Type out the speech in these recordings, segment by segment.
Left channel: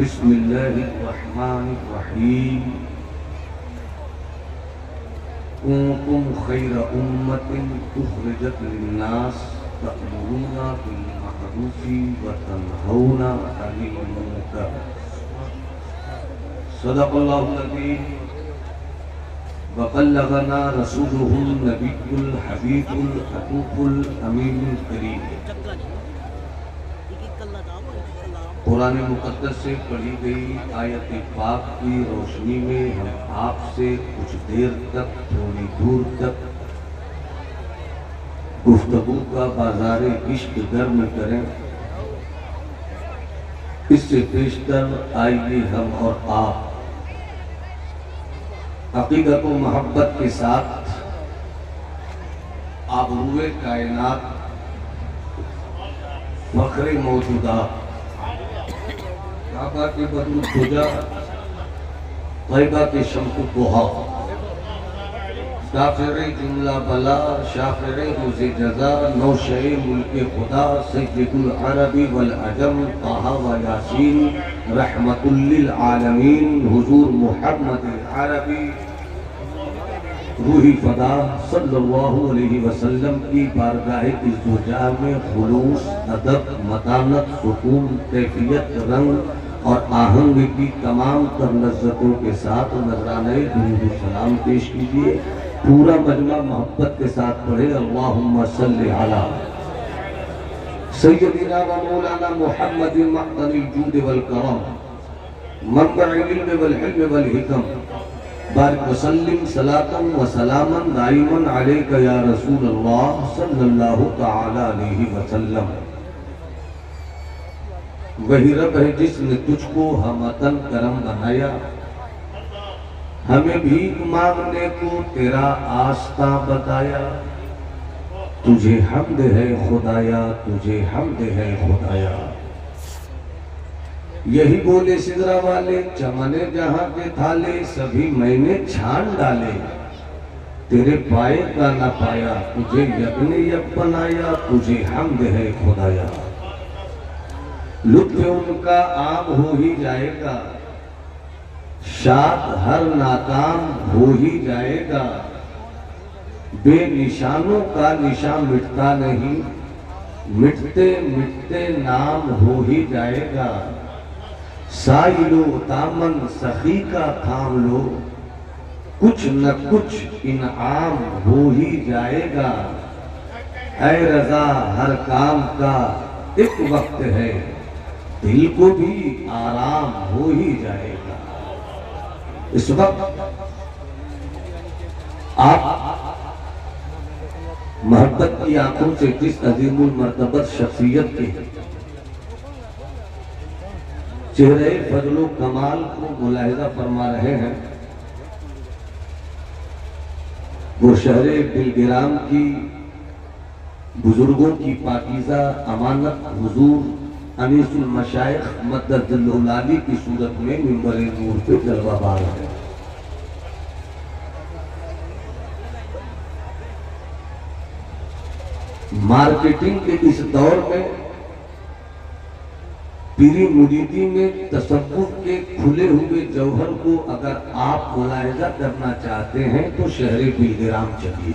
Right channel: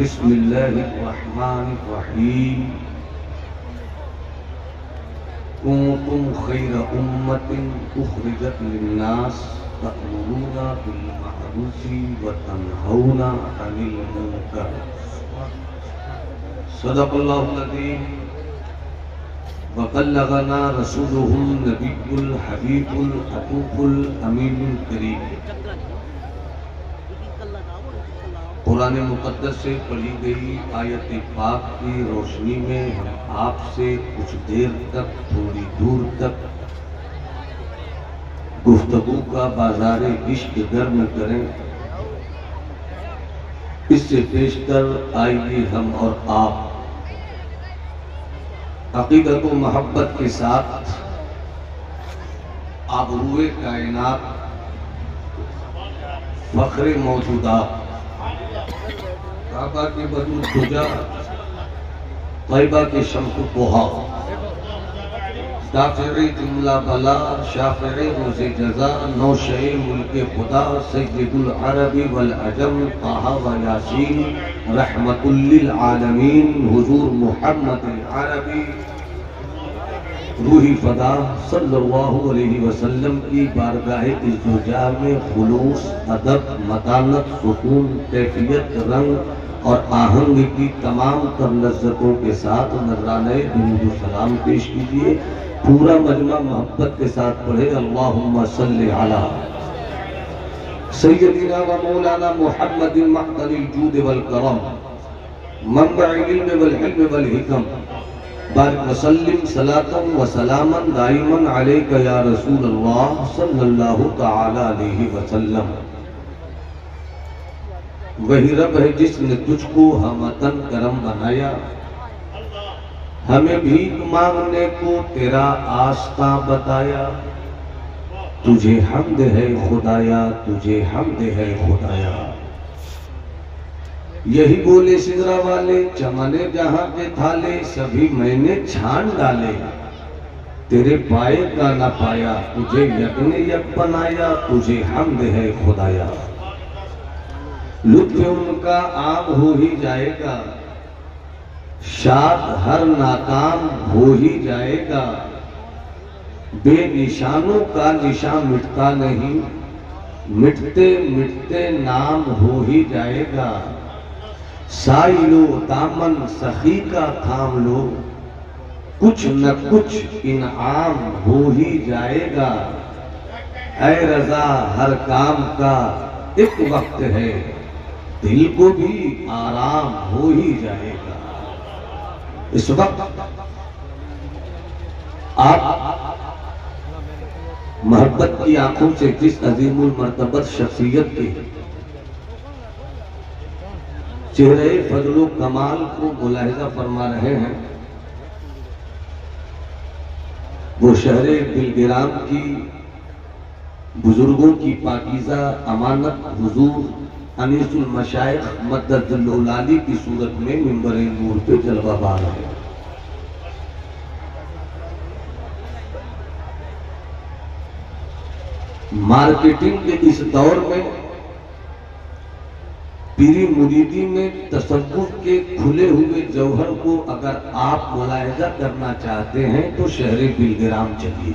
बिस्मिल्लाहिर्रहमानिर्रहीम। कुंतुम खैरा उम्मतिन उखरिजत लिन्नास तअमुरूना बिल मअरूफि व तनहौना अनिल मुनकर। सदक़ल्लाहुल अज़ीम व बल्लगना रसूलुहुन नबियुल हबीबुल अतूफुल अमीनुल करीम। कुरान मुक़द्दस से पढ़ी गई आयत पाक की रोशनी में हम आपसे कुछ देर तक, थोड़ी दूर तक गुफ्तगू का बाजार इश्क गर्म करें। इससे पेशतर आइए हम और आप अक़ीदत व मोहब्बत के साथ आबरूए कायनात, फ़ख्र मौजूदात, काबा के बदरुल खुजा, तैयबा के शम्स पोहा, शाफ़िर जुमला बला, शाफ़िर रोज़े जज़ा, नौशे मुल्के खुदा, सय्यदुल अरबी वल अजम, ताहा व यासीन, रहमतुल लिल आलमीन, हुज़ूर मुहम्मद अरबी रूही फदा सल्लल्लाहु अलैहि वसल्लम की बारगाह इज़्ज़ोजा में खुलूस, अदब, मतानत, सुकून, कैफियत, रंग और आहंग की तमाम तर लज़्ज़तों के साथ नज़राने दुरूद सलाम पेश कीजिए। पूरा मजमा मोहब्बत के साथ पढ़े अल्लाहुम्मा सल्लि अला सय्यदिना व मौलाना मुहम्मदिन मअदनिल जूद वल करम, मंबअल इल्म वल हिल्म वल हिकम, बारिक वसल्लिम सलातन व सलामन दाइमन अलैका या रसूल अल्लाह सल्लल्लाहु तआला अलैहि वसल्लम। वही रब है जिसने तुझको हमतन करम बनाया, हमें भीख मांगने को तेरा आस्था बताया। तुझे हम्द है खुदाया, तुझे हम्द है खुदाया। यही बोले सिदरा वाले, चमने जहां के थाले, सभी मैंने छान डाले। तेरे पाए का न पाया, तुझे यज्ञ यक बनाया। तुझे हम्द है खुदाया। लुत्फ़ उनका आम हो ही जाएगा, शाद हर नाकाम हो ही जाएगा। बेनिशानों का निशान मिटता नहीं, मिटते मिटते नाम हो ही जाएगा। साइलो दामन सखी का थाम लो, कुछ न कुछ इनाम हो ही जाएगा। ऐ रजा हर काम का एक वक्त है, दिल को भी आराम हो ही जाएगा। इस वक्त आप मोहब्बत की आंखों से जिस अजीमुल मर्तबत शख्सियत के चेहरे फजलो कमाल को मुलाहिजा फरमा रहे हैं, वो शहरे बिलगिराम की बुजुर्गों की पाकीज़ा अमानत हुजूर अनीसुल मशाइख मद्ददुल आली की सूरत में मिंबर नूर पे जलवाबार है। मार्केटिंग के इस दौर में पीरी मुरीदी में तसव्वुफ के खुले हुए जौहर को अगर आप मुलाहिजा करना चाहते हैं तो शहरे बिलगिराम चलिए।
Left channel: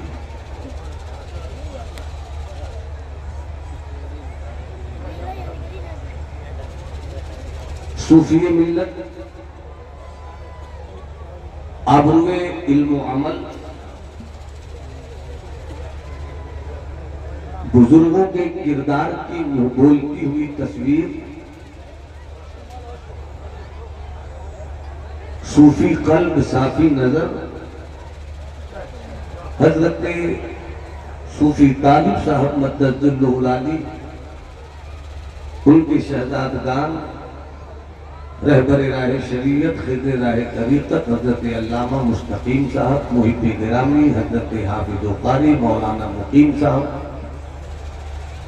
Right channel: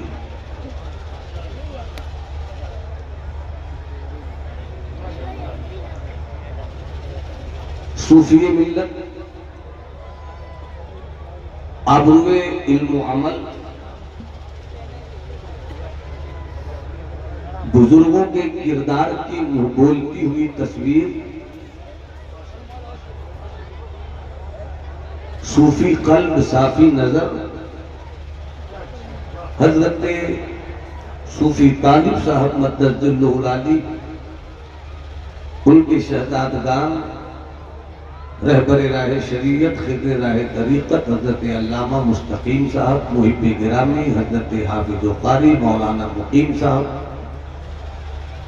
सूफिये मिल्लत, आबरूए इल्म अमल, बुजुर्गों के किरदार की बोलती हुई तस्वीर, सूफी कल्ब साफी नजर, हजरत सूफी तालिब साहब मद्ददुल आली, उनके शहजादगान, रहबरे राह शरीयत, खिदर राह तरीक़त हजरत अल्लामा मुस्तकीम साहब, मुहिब्बे गिरामी हजरत हाफिज़ कारी मौलाना मुकीम साहब,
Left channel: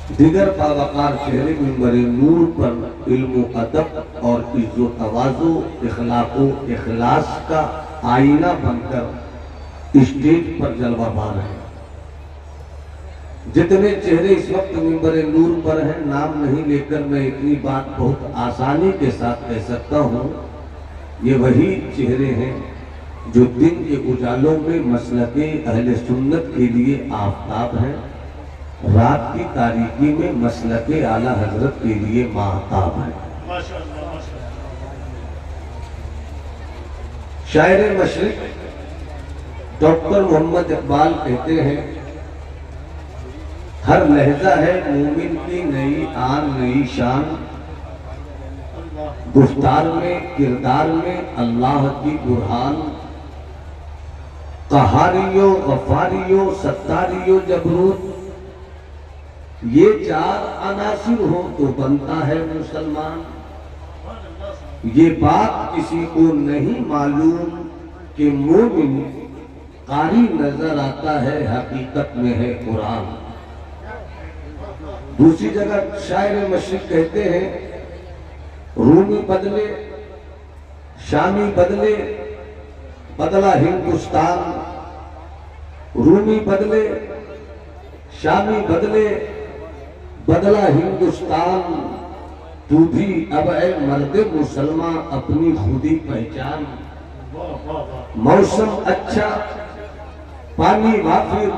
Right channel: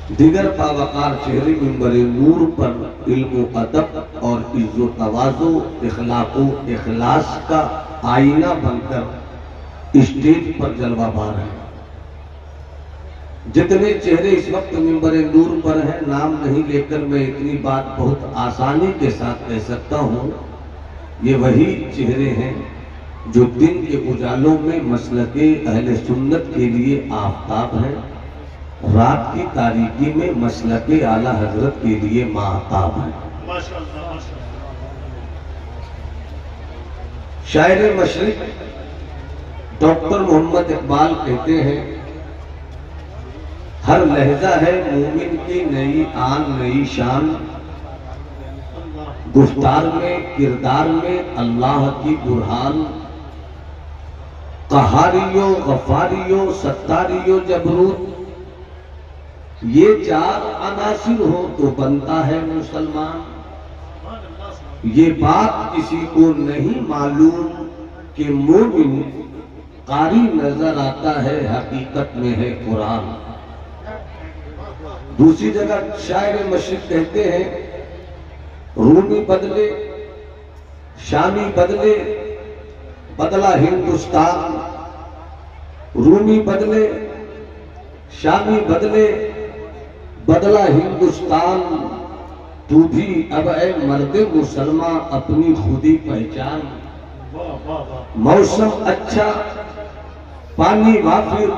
दिगर बावकार चेहरे मिंबर नूर पर इल्म अदब और इज्जो तवाज़ो, इखलाक़ो इखलास का आईना बनकर स्टेज पर जलवा बार है। जितने चेहरे इस वक्त मिंबर नूर पर हैं, नाम नहीं लेकर मैं इतनी बात बहुत आसानी के साथ कह सकता हूँ, ये वही चेहरे हैं जो दिन के उजालों में मसलके अहले सुन्नत के लिए आफताब हैं, रात की तारीकी में मसलके आला हजरत के लिए माहताब हैं। शायर मशरिक डॉक्टर मोहम्मद इकबाल कहते हैं, हर लहजा है मोमिन की नई आन नई शान, गुफ्तार में किरदार में अल्लाह की बुरहान, कहारियो गफारियो सत्तारियो जबरूत, ये चार अनासिर हो तो बनता है मुसलमान। ये बात किसी को नहीं मालूम कि मोमिन कारी नजर आता है, हकीकत में है कुरान। दूसरी जगह शायर मशरिक कहते हैं, रूमी बदले शामी बदले बदला हिंदुस्तान, रूमी बदले शामी बदले बदला हिंदुस्तान, तू भी अब ऐ मर्दे मुसलमान अपनी खुदी पहचान। मौसम अच्छा पानी वाफिर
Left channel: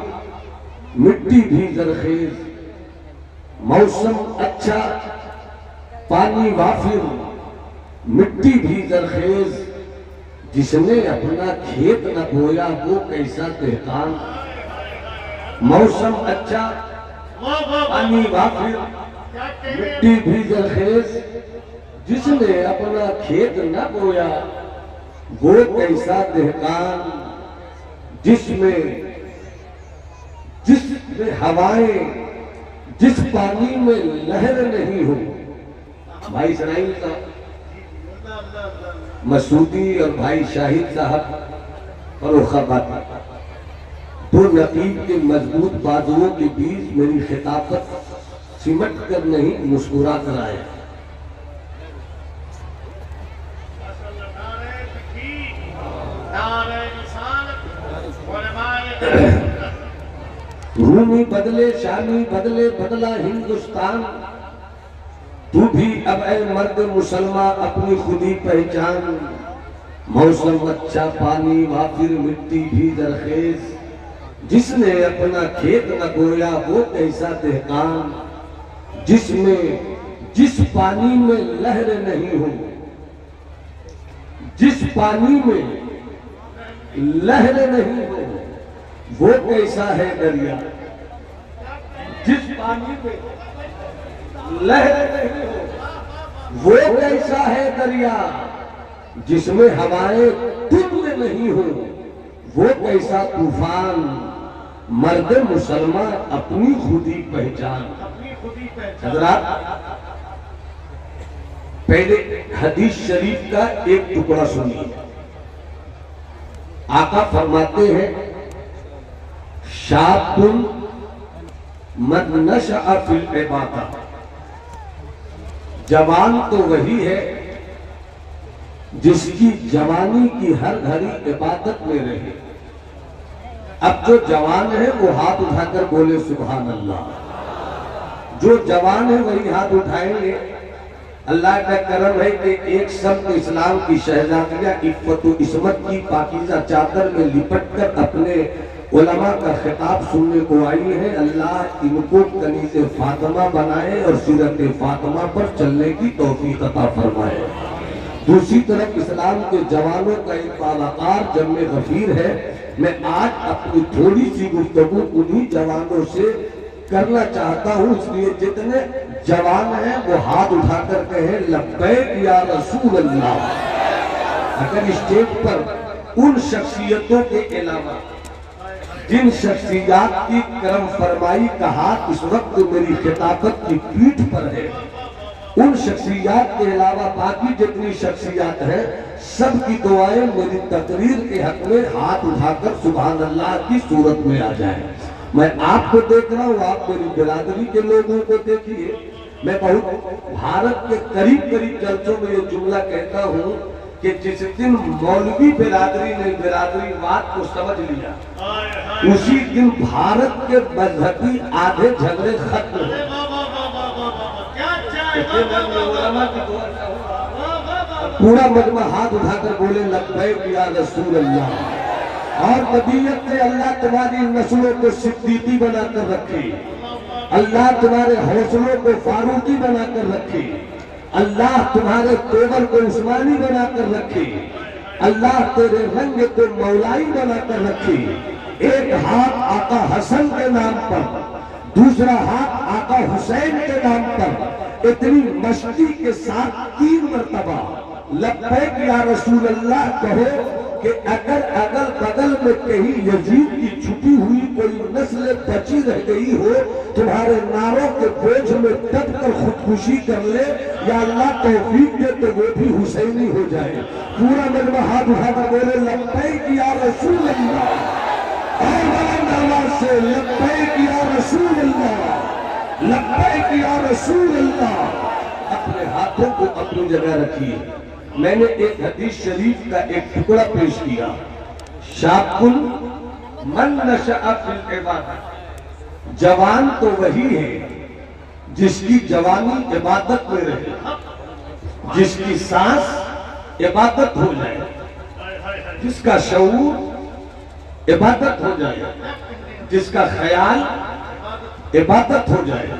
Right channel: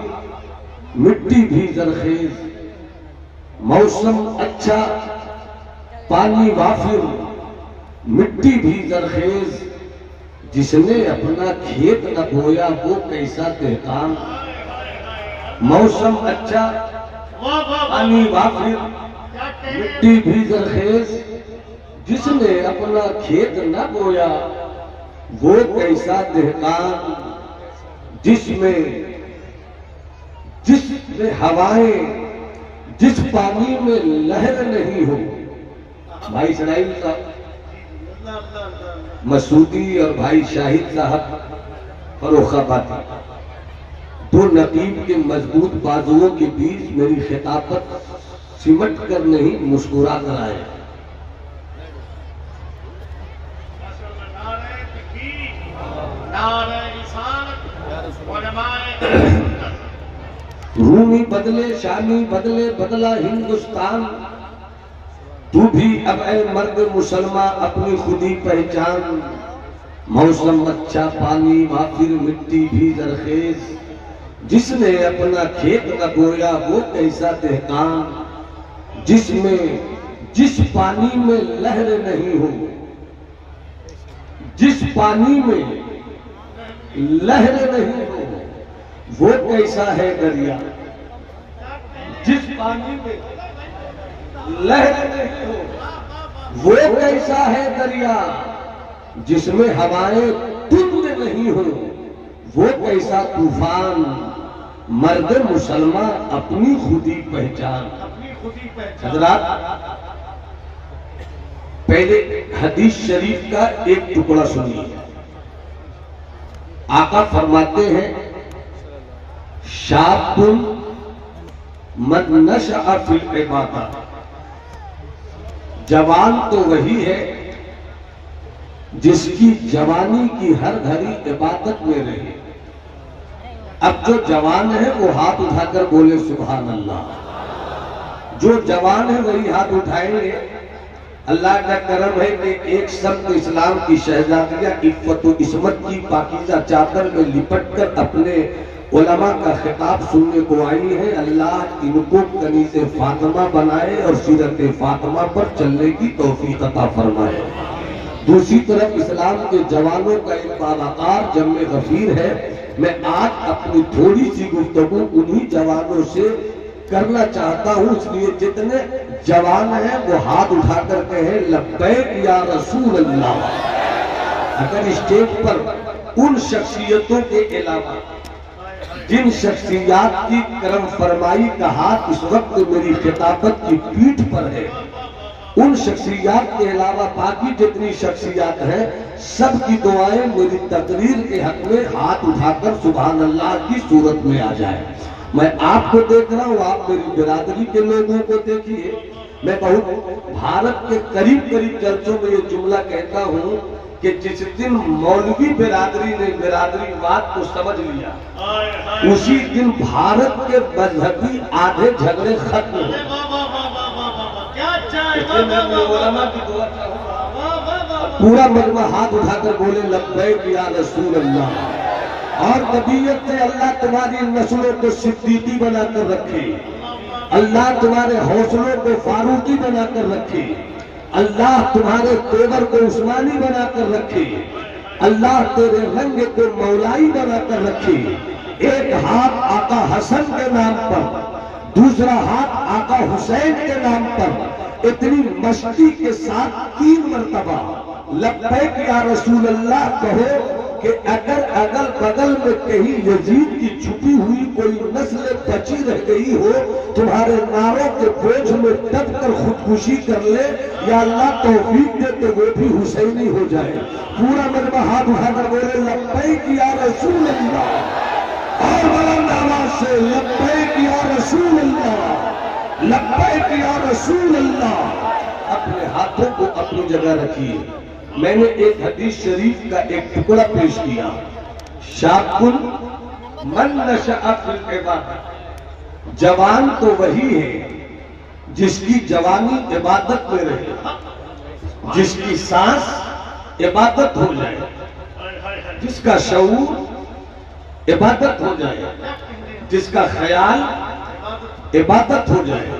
मिट्टी भी जरखेज, मौसम अच्छा पानी वाफिर मिट्टी भी जरखेज, जिसने अपना खेत न बोया वो कैसा देहकान। मौसम अच्छा पानी वाफिर मिट्टी भी जरखेज, जिसने अपना खेत न बोया वो कैसा देहकान। जिसमें हवाएं जिस पानी में लहर नहीं हो। भाई इसराइल का मसूदी और भाई शाहिद साहब फरोखाबादी, दो नकीब के मजबूत बाजुओं के बीच मेरी खिताबत सिमट कर नहीं मुस्कुरा कर आए। रूमी बदले शामी बदले बदला हिंदुस्तान, तू भी अब ऐ मर्द मुसलमान अपनी खुदी पहचान। मौसम अच्छा पानी वाफिर मिट्टी भी जरखेज, जिसने अपना खेत न बोया वो कैसा देहकान। जिसमें जिस पानी में लहर नहीं हो, जिस पानी में लहर नहीं हो वो कैसा है दरिया। जिस पानी में लहर नहीं हो वो कैसा है दरिया, जिसमें हवाएं तुंद नहीं हो वो कैसा तूफान। मर्द मुसलमान अपनी खुदी पहचान। हजरात, पहले हदीस शरीफ का एक टुकड़ा सुनिए। आका फरमाते हैं, शाबुन मद नशअ फिल इबादत, जवान तो वही है जिसकी जवानी की हर घड़ी इबादत में रहे। अब जो जवान है वो हाथ उठाकर बोले सुभान अल्लाह। जो जवान है वही हाथ उठाएंगे। अल्लाह का करम है कि एक शब्द इस्लाम की शहजादियां इफ़्फ़त इस्मत की पाकीज़ा चादर में लिपट कर अपने उलमा का खिताब सुनने को आई है। अल्लाह इनको कनीज़े फातिमा बनाए और सीरत फातिमा पर चलने की तौफीक अता फरमाए। दूसरी तरफ इस्लाम के जवानों का एक बालाकार जम्मे गफीर है। मैं आज अपनी थोड़ी सी गुफ्तगू उन्हीं जवानों से करना चाहता हूँ, इसलिए जितने जवान हैं वो हाथ उठा कर कहें लब्बैक या रसूल अल्लाह। अगर स्टेज पर उन शख्सियतों के अलावा जिन शख्सियात की करम फरमाई का हाथ इस वक्त मेरी खिताबत की पीठ पर है, उन शख्सियात के अलावा बाकी जितनी शख्सियात हैं सबकी दुआएं मेरी तकरीर के हक में हाथ उठाकर सुभान अल्लाह की सूरत में आ जाए। मैं आपको देख रहा हूँ, आप मेरी बिरादरी के लोगों को देखिए। मैं बहुत भारत के करीब करीब चर्चों में ये जुमला कहता हूँ कि जिस दिन मौलवी बिरादरी ने बिरादरीवाद को समझ लिया, उसी दिन भारत के मजहबी आधे झगड़े खत्म हुए। पूरा मजमा हाथ उठाकर बोले लब्बैक या रसूल अल्लाह। और तबीयत से अल्लाह तुम्हारी नस्लों को सिद्दीकी बनाकर रखे, अल्लाह तुम्हारे हौसलों को फारूकी बनाकर रखे, अल्लाह तुम्हारे तेवर को उस्मानी बनाकर रखे, अल्लाह तेरे रंग को मौलाई बनाकर रखे। एक हाथ आका हसन के नाम पर, दूसरा हाथ आका हुसैन के नाम पर इतनी मस्ती के साथ 3 मरतबा लब्बैक या रसूल अल्लाह कहो कि अगर अगल बगल में कहीं यजीद की छुपी हुई कोई नस्ल बची रह गई हो, तुम्हारे नारों के बोझ में दब कर खुदकुशी कर ले, या अल्लाह तौफीक दे तो वो भी हुसैनी हो जाए। पूरा मजमा हाथ उठाकर बोले लब्बैक या रसूल अल्लाह, और बुलंद आवाज से लब्बैक या रसूल अल्लाह, लब्बैक या रसूल अल्लाह। अपने हाथों को अपनी जगह रखिए। मैंने एक हदीस शरीफ का एक टुकड़ा पेश किया, शाकुन मन नशअ फिल इबादत, जवान तो वही है जिसकी जवानी इबादत में रहे, जिसकी सांस इबादत हो जाए, जिसका शऊर इबादत हो जाए, जिसका ख्याल इबादत हो जाए,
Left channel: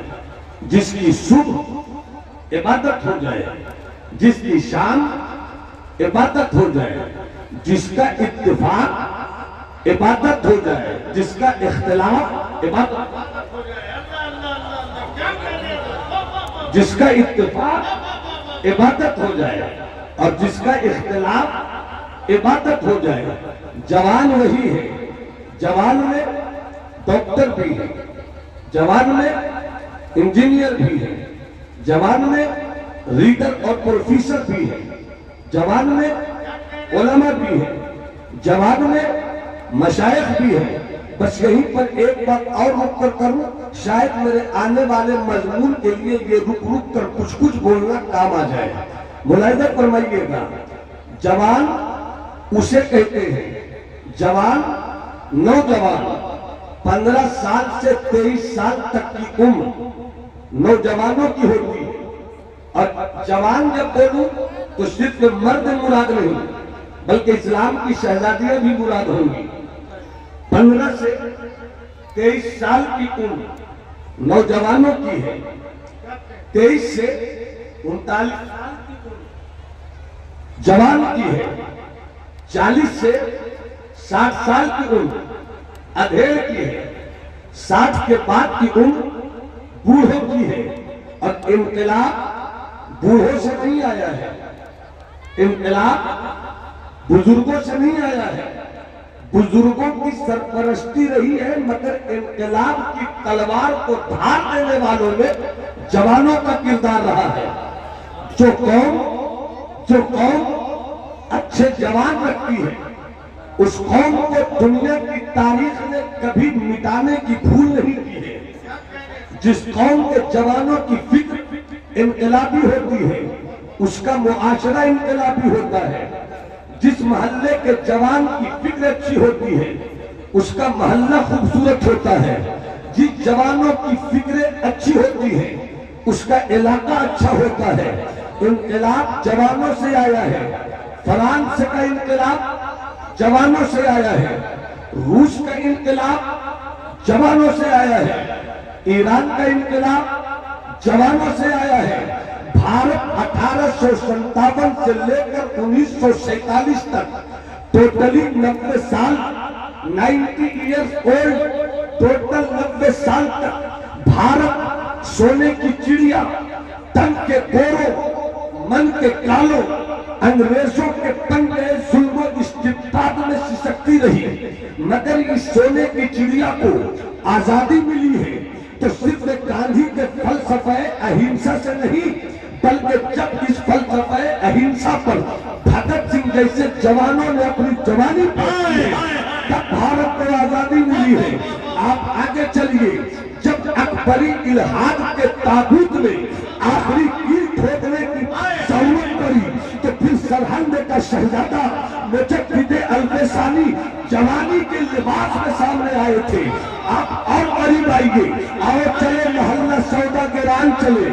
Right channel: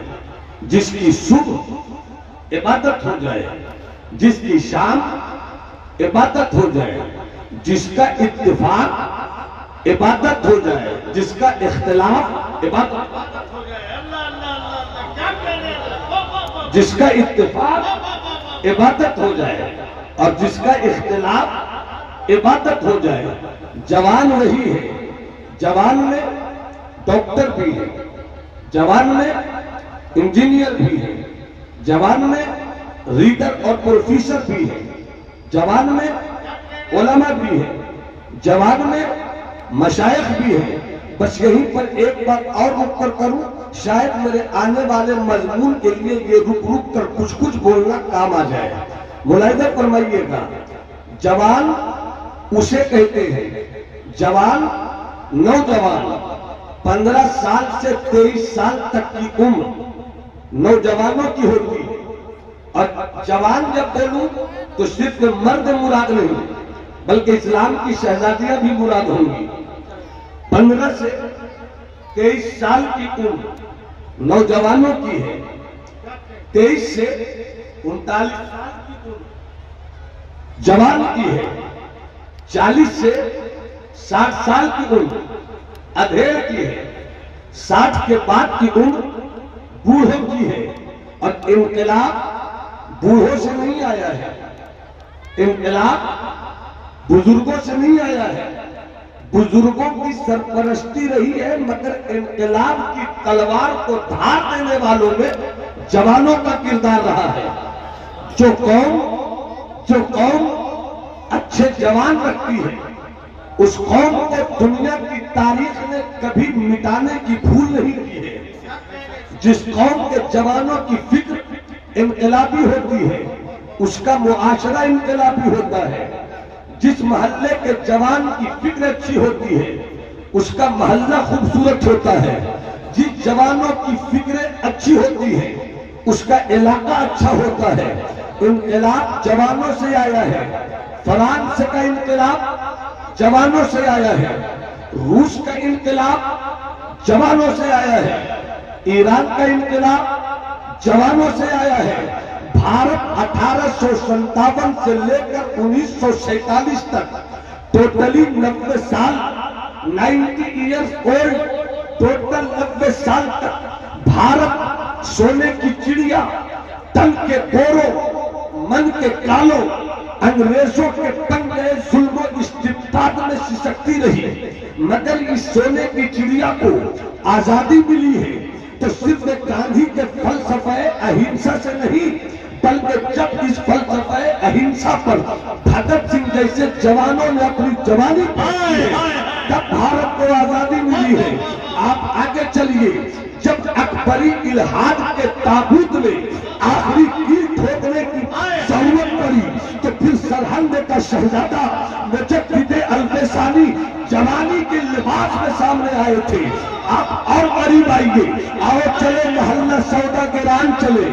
जिसकी सुबह इबादत हो जाए, जिसकी शाम इबादत हो जाए, जिसका इत्तिफाक इबादत हो जाए, जिसका इख्तिलाफ इबादत, जिसका इत्तिफाक इबादत हो जाए और जिसका इख्तिलाफ इबादत हो जाए। जवान वही है, जवान में डॉक्टर भी है, जवान में इंजीनियर भी है, जवान में रीडर और प्रोफेसर भी है, जवान में उलमा भी है, जवान में मशाइख भी है। बस यहीं पर एक बात और रुक कर करूं, शायद मेरे आने वाले मजमून के लिए ये रुक कर कुछ कुछ बोलना काम आ जाए। मुलाहिजा फरमाइएगा, जवान उसे कहते हैं, जवान नौजवान 15 साल से 23 साल तक की उम्र नौजवानों की होती है। और जवान जब बोलूं तो सिर्फ मर्द मुराद नहीं, बल्कि इस्लाम की शहजादियां भी मुराद होंगी। 15 से 23 साल की उम्र नौजवानों की है, 23 से 39 साल की उम्र जवान की है, 40 से 60 साल की उम्र अधेड़ की है, 60 के बाद की उम्र बूढ़ों की है। और इनकलाब बूढ़ों से नहीं आया है, इनकलाब बुजुर्गों से नहीं आया है, बुजुर्गों की सरपरस्ती रही है, मगर इनकलाब की तलवार को धार देने वालों में जवानों का किरदार रहा है। जो कौम अच्छे जवान रखती है, उस कौम को दुनिया की तारीख में कभी मिटाने की भूल नहीं की है। जिस कौम के जवानों की फिक्र इनकलाबी होती है, उसका मुआशरा इनकलाबी होता है। जिस मोहल्ले के जवान की फिक्र अच्छी होती है, उसका मोहल्ला खूबसूरत होता है। जिस जवानों की फिक्र अच्छी होती है, उसका इलाका अच्छा होता है। इनकलाब जवानों से आया है। फ्रांस का इनकलाब जवानों से आया है, रूस का इनकलाब जवानों से आया है, ईरान का इनकलाब जवानों से आया है। भारत 1857 से लेकर 1947 तक टोटली 90 साल, 90 इयर्स ओल्ड, टोटल 90 साल तक भारत सोने की चिड़िया, तन के गोरों, मन के कालों, अंग्रेजों के पंजे जुल्म इस्तिबदाद में सिसकती रही। मगर इस सोने की चिड़िया को आजादी मिली है तो सिर्फ गांधी के फलसफे अहिंसा से नहीं, बल्कि जब इस फलसफे अहिंसा पर भगत सिंह जैसे जवानों ने अपनी जवानी पाई है, तब भारत को आजादी मिली है। आप आगे चलिए, जब अकबरी इल्हाद के ताबूत में आखिरी कील ठोकने की जरूरत पड़ी तो फिर सरहंद का शहजादा मुजद्दिद अल्फसानी जवानी के लिबास में सामने आए थे। आप और करीब आइए, आओ चले मोहल्ला सौदा गिरान चले,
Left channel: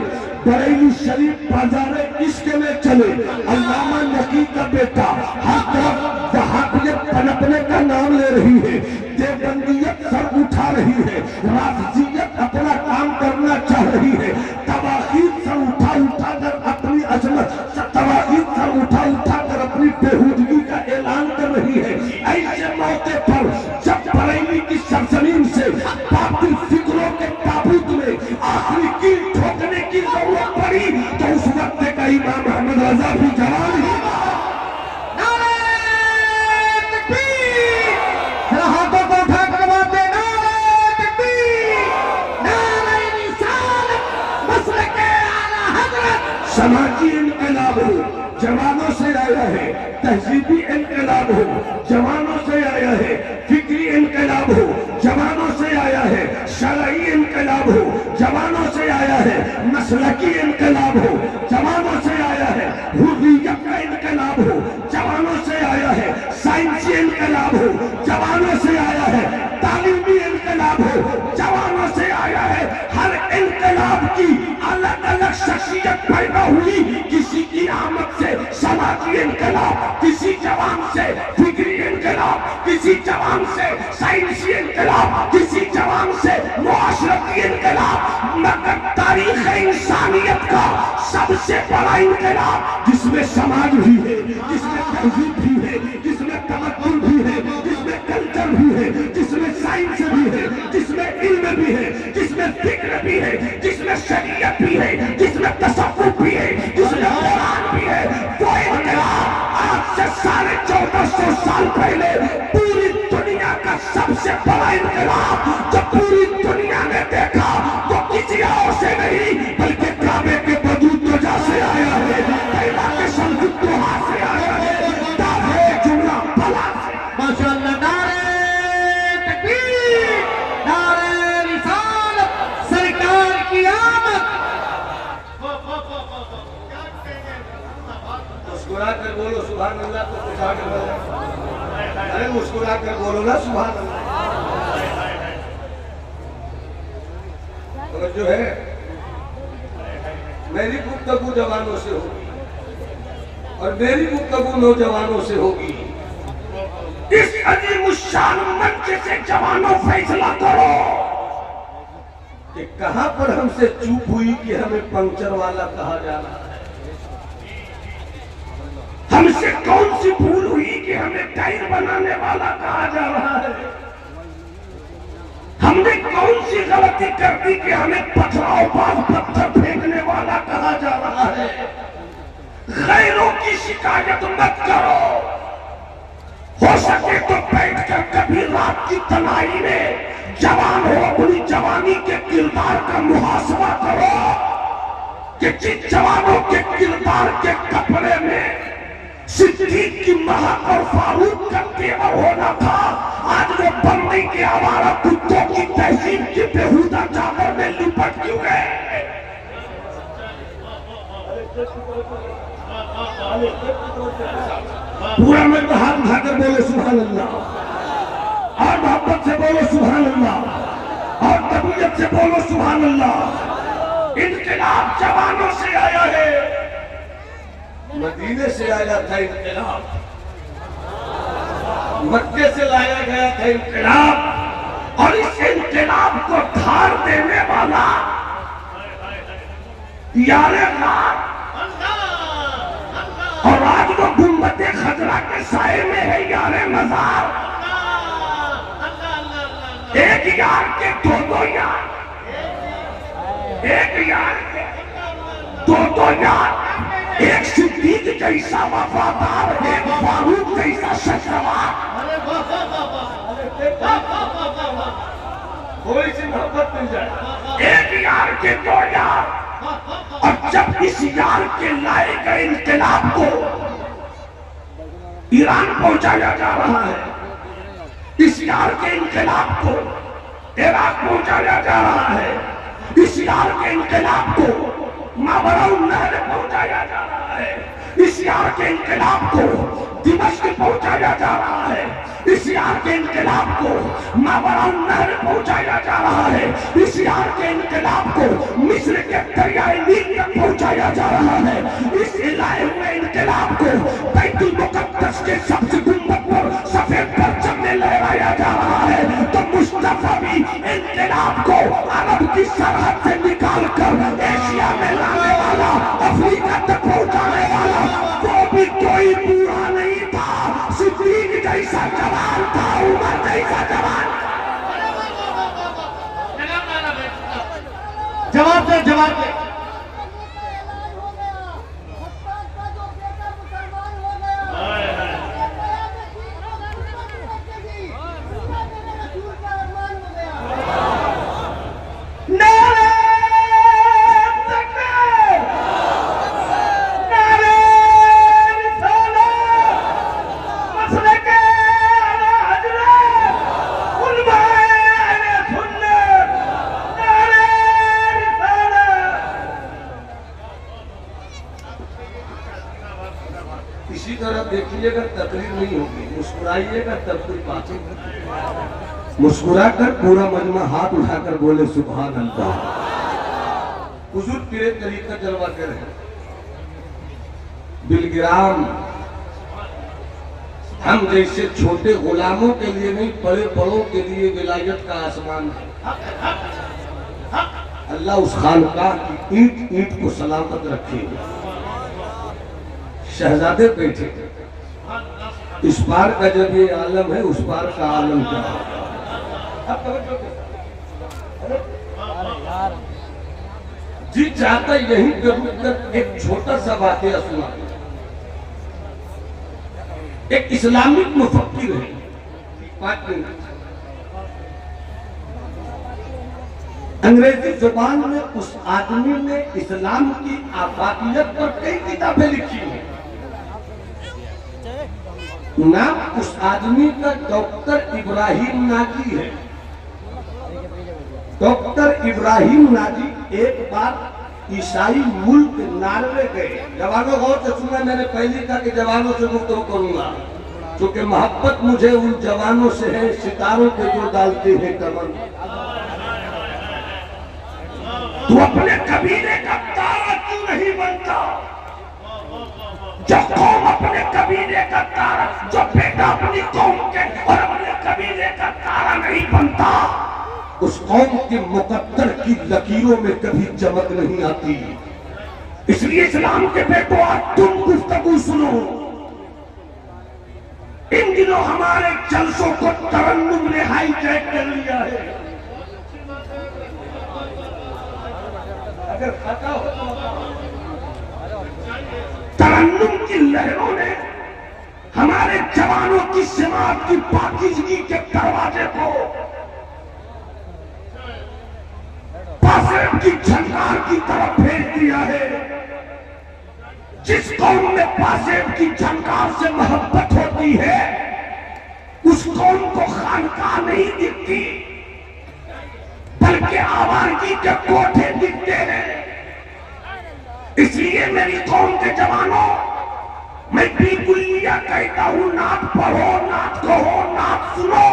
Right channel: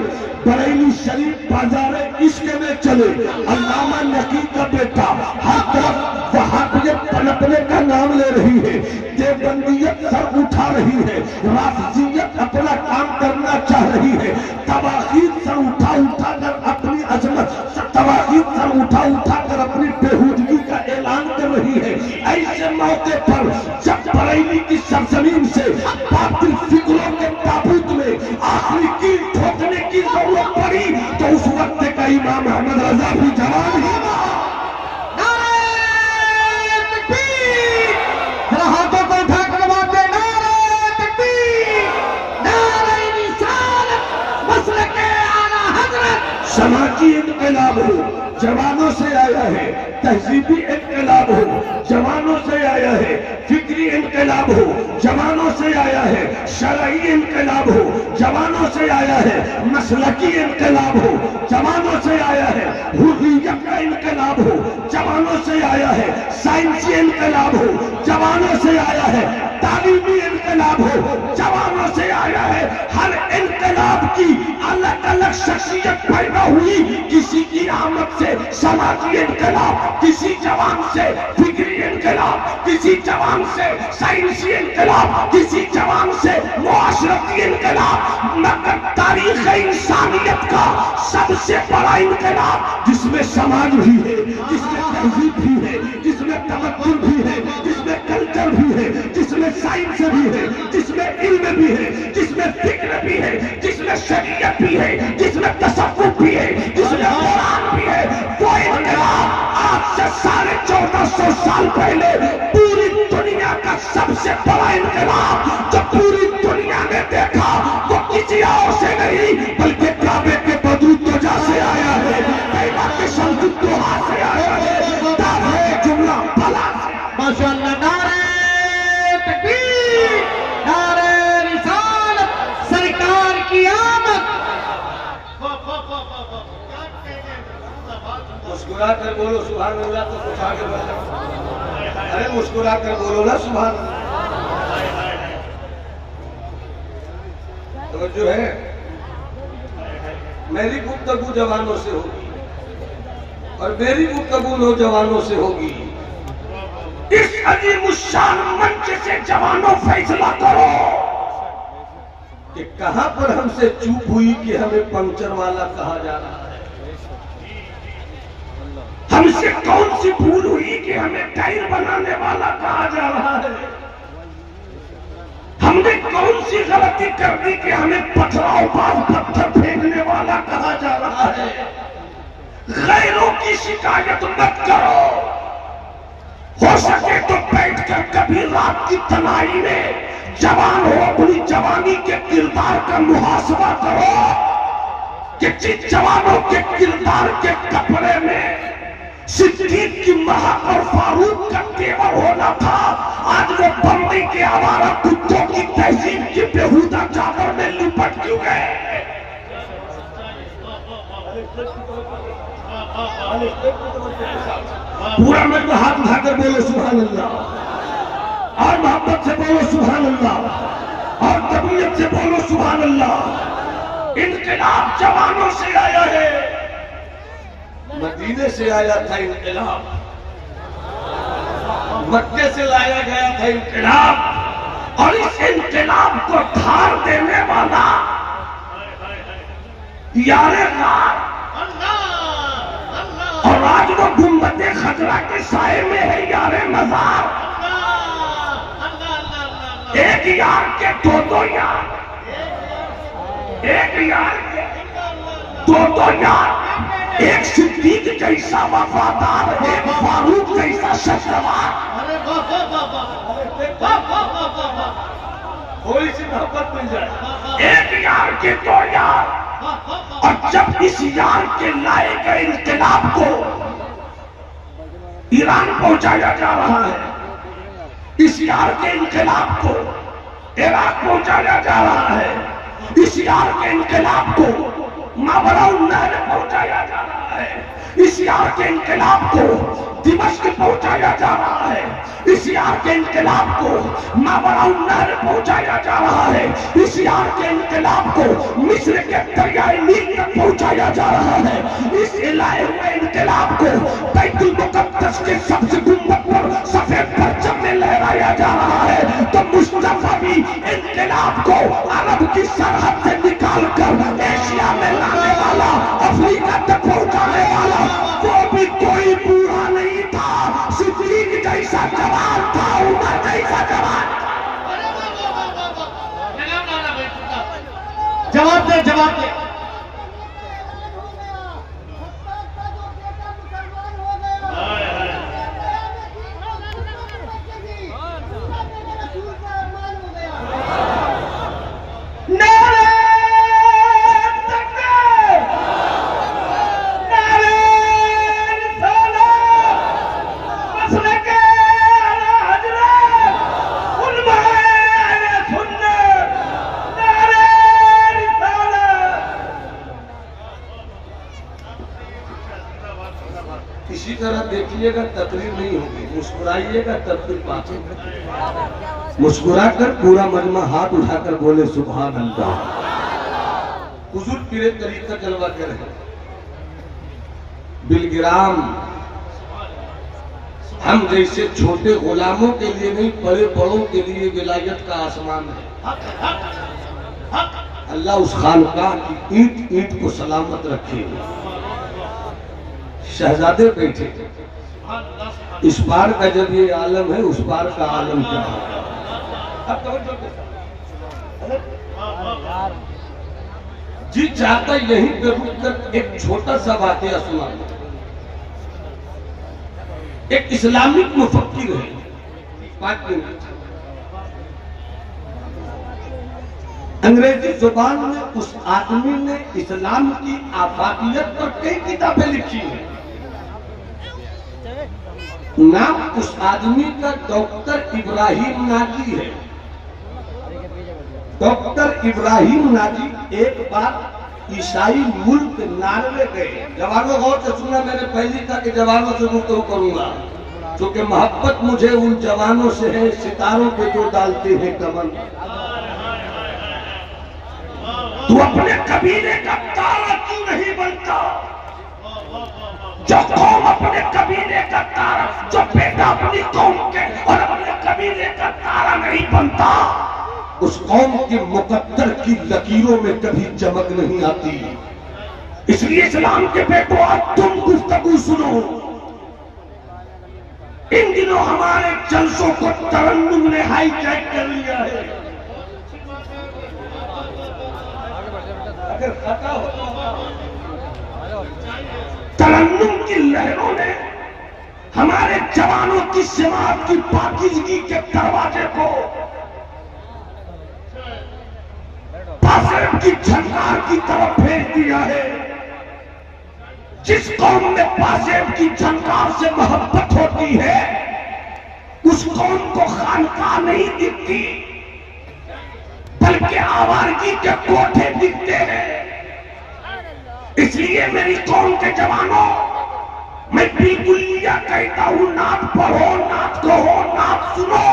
बरेली शरीफ बाजार इश्क में चले। अल्लामा नकी का बेटा हर तरफ वहाबियत पनपने का नाम ले रही है, देवबंदियत सर उठा रही है, राफजियत अपना काम करना चाह रही है, तवागीत सर उठा उठा कर अपनी अजमत, तवागीत सर उठा उठा कर अपनी बेहूदगी का ऐलान कर रही है। ऐसे मौके पर जब बरेली की सरजमीन से बातिल फिक्रों के ताबूत में आखिरी कील ठोकने की जरूरत पड़ी तो उस वक्त का इमाम मोहम्मद रजा भी जवान ही समाजी इनकलाब हो जवानों से आया है, तहजीबी इनकलाब हो जवानों से आया है, फिक्री इनकलाब हो जवानों से आया है, शरई इनकलाब हो जवानों से आया है, मसलकी इनकलाब हो जवानों से आया है, हुर्रियत का इनकलाब हो जवानों से आया है, साइंसी इनकलाब हो जवानों से आया है, तालीमी इनकलाब हो जवानों से आया है। हर इनकलाब की अलग अलग शख्सियत पैदा हुई, किसी की आमद से समाजी इनकलाब, किसी जवान से फिक्री इनकलाब, किसी जवान से साइंसी इनकलाब, किसी जवान से मुआशरती इनकलाब, मगर तारीख इंसानियत का सबसे बड़ा इनकलाब जिसमें समाज भी है, जिसमें तहजीब भी है, जिसमें तमद्दुन भी है, जिसमें कल्चर भी है, जिसमें साइंस भी है, जिसमें इल्म भी है, जिसमें फिक्र भी है, जिसमें शरीयत भी है, जिसमें तसव्वुफ भी है, जिसमें कुरान भी है, वो इनकलाब आज से 1450 साल पहले पूरी दुनिया का सबसे बड़ा इनकलाब जो पूरी दुनिया ने देखा वो किसी और से नहीं बल्कि काबे के बदूदोजा से आया है, पैदा के सल्तुतोहा से आया है, दावे जुमला भला से। माशाअल्लाह, नारे तकबीर, नारे रिसालत, सरकार की आमद। मुस्कुरा कर बोलो सुभान अल्लाह तो कुछ आगे बढ़ जाए। अरे मुस्कुरा कर बोलो ना सुभान अल्लाह। तो जो है मेरी गुफ्तगू जवानों से होगी और मेरी गुफ्तगू नौजवानों से होगी। इस अजीम शान मंच से जवानों फैसला करो कि कहां पर हमसे चूक हुई कि हमें पंक्चर वाला कहा जा रहा है, हमसे कौन सी भूल हुई कि हमें टायर बनाने वाला कहा जा रहा है, हमने कौन सी गलती कर दी कि हमें पथरावबाज पत्थर फेंकने वाला कहा जा रहा है। गैरों की शिकायत मत करो, हो सके तो बैठकर कभी रात की तनाई में जवान हो अपनी जवानी के किरदार का मुहासबा करो कि जिन जवानों के किरदार के कपड़े में सिद्दीक की महक और फारूक का तेवर होना था, आज वो बंदी के आवारा कुत्तों की तहजीब की बेहुदा चादर में लिपट क्यों गए। पूरा में हाथ उठाकर बोलो सुभान अल्लाह और मोहब्बत से बोलो सुभान अल्लाह और तबीयत से बोलो सुभान अल्लाह। इनकलाब जवानों से आया है, मदीने से आया था इनकलाब, मक्के से लाया गया था इनकलाब, और इस इनकलाब को धार देने वाला यारे रात और आज वो गुम्बदे खजरा के साए में है यारे मजार। एक यार के दो यार, एक यार के दो यार, एक सिद्दीक जैसा वफादार, एक फारूक जैसा शख्सवार। थोड़ी सी मोहब्बत मिल जाए। एक यार के दो यार, और जब इस यार के लाए गए इनकलाब को ईरान पहुंचाया जा रहा है, इस यार के इनकलाब को इराक पहुंचाया जा रहा है, इस यार के इनकलाब को मावराउन नहर पहुंचाया जा रहा है, इस यार के इनकलाब को दिमश्क पहुंचाया जा रहा है, इस यार के इनकलाब को मावराउन्नार पहुंचाया जा रहा है, इस यार के इनकलाब को मिस्र के दरियाए नील तक पहुंचाया जा रहा है, इस लाए हुए इनकलाब को बैतुल मुकद्दस के सबसे गुंबद पर सफेद परचम में लहराया जा रहा है। तो मुस्तफा भी इनकलाब को अरब की सरहद से निकाल कर एशिया में लाने वाला, अफ्रीका तक पहुंचाने वाला, वो भी कोई बुरा नहीं था, सिद्दीक जैसा जवान था, उमर जैसा जवान। जवाब दे, जवाब दे। इसी तरह देखिएगा तकलीफ नहीं होगी, मुस्कुराइएगा तकलीफ पाचेगा। मुस्कुराकर पूरा मजमा हाथ उठाकर बोले सुभान अल्लाह। हुजूर पीरे तरीका जलवा कर है। बिलगिराम हम जैसे छोटे गुलामों के लिए नहीं, बड़े बड़ों के लिए विलायत का आसमान है। अल्लाह उस खानकाह की ईंट ईंट को सलामत रखे। शहजादे बैठे, इस पार का जब ये आलम है, उस पार का आलम क्या है? अब जी चाहता यहीं पे रुककर एक छोटा सा वाकया सुना। एक इस्लामिक मुफक्किर है, 5 मिनट, अंग्रेजी जुबान में उस आदमी ने इस्लाम की आफाकियत पर कई किताबें लिखी हैं। नाम उस आदमी का डॉक्टर इब्राहिम नाजी है। डॉक्टर इब्राहिम नाजी एक बार ईसाई मुल्क नार्वे गए। जवानों गौर से सुना, मैंने पहले कहा कि जवानों से गुफ्तगू करूंगा क्योंकि मोहब्बत मुझे उन जवानों से है, सितारों पे जो डालते हैं कमर। तू अपने कबीले का तारा क्यों नहीं बनता? जो कौम अपने कबीले का तारा, जो बेटा अपनी कौम के और अपने कबीले का तारा नहीं बनता, उस कौम के मुकद्दर की लकीरों में कभी चमक नहीं आती। इसलिए इस्लाम के बेटों, आज तुम गुफ्तगू सुनो। इन दिनों हमारे जलसों को तरन्नुम ने हाईजैक कर लिया है। अगर खाता हो तो तरन्नुम की लहरों ने हमारे जवानों की समाज की पाकीज़गी के दरवाजे को पासेब की झंकार की तरफ फेंक दिया है। जिस कौम में पासेब की झंकार से मोहब्बत होती है, उस कौम को खानकाह नहीं दिखती, बल्कि आवारगी के कोठे दिखते हैं। इसलिए मेरी कौम के जवानों, मैं बिल्कुल यह कहता हूं, नात पढ़ो, नात कहो, नात सुनो,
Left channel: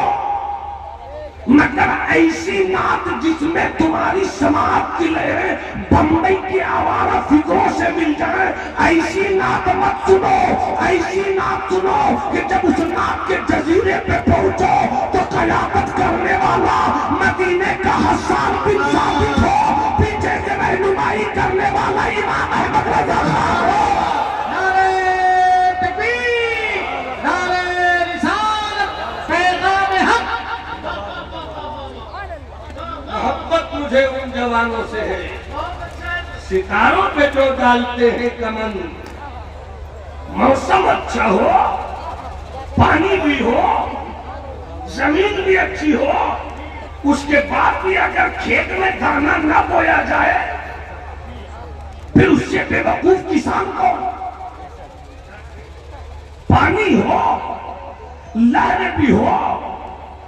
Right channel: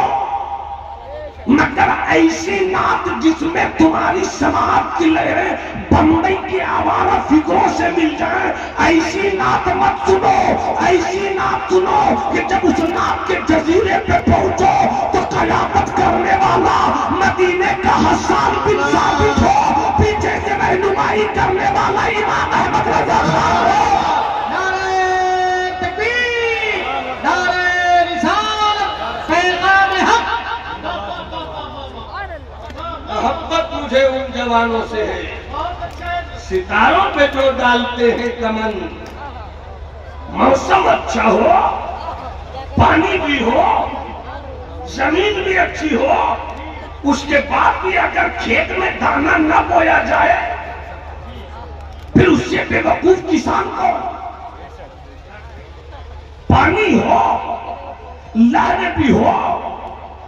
मगर ऐसी नात जिसमें तुम्हारी समाज की लहरें बंबई की आवारा फिक्रों से मिल जाए, ऐसी नात मत सुनो। ऐसी नात सुनो कि जब उस नात के जजीरे पे पहुंचो तो कयामत करने वाला मदीने का हसन बिन साबित हो, पीछे से रहनुमाई करने वाला इमाम अहमद रजा खान हो। नारे तकबीर, नारे रिसालत, पैगाम हक। मोहब्बत मुझे उन जवानों से है, सितारों पे जो डालते हैं कमन। मौसम अच्छा हो, पानी भी हो, जमीन भी अच्छी हो, उसके बाद भी अगर खेत में दाना न बोया जाए, फिर उससे बेवकूफ किसान को। पानी हो, लहरें भी हो,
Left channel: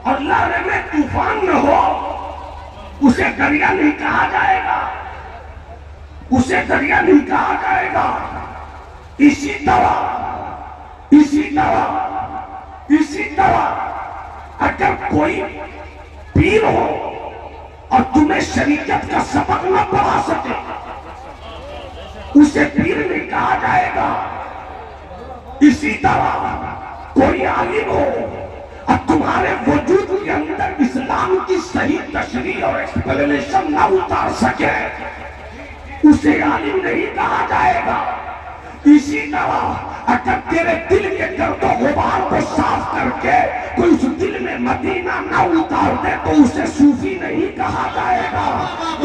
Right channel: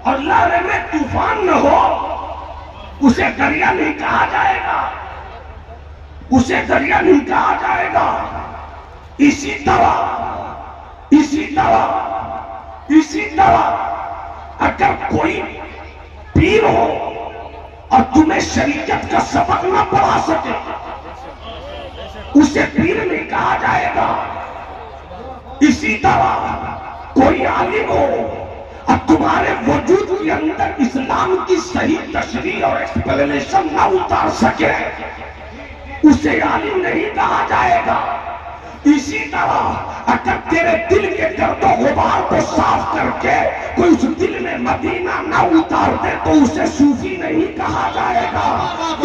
और लहरें में तूफान न हो, उसे दरिया नहीं कहा जाएगा, उसे दरिया नहीं कहा जाएगा। इसी तरह अगर कोई पीर हो और तुम्हें शरीयत का सबक न पढ़ा सके, उसे पीर नहीं कहा जाएगा। इसी तरह कोई आलिम हो और तुम्हारे वजूद के अंदर इस्लाम की सही तशरीह और एक्सप्लेनेशन न उतार सके, उसे आलिम नहीं कहा जाएगा। इसी तरह अगर तेरे दिल के दर्दो गुबार को साफ करके कोई उस दिल में मदीना न उतार दे तो उसे सूफी नहीं कहा जाएगा।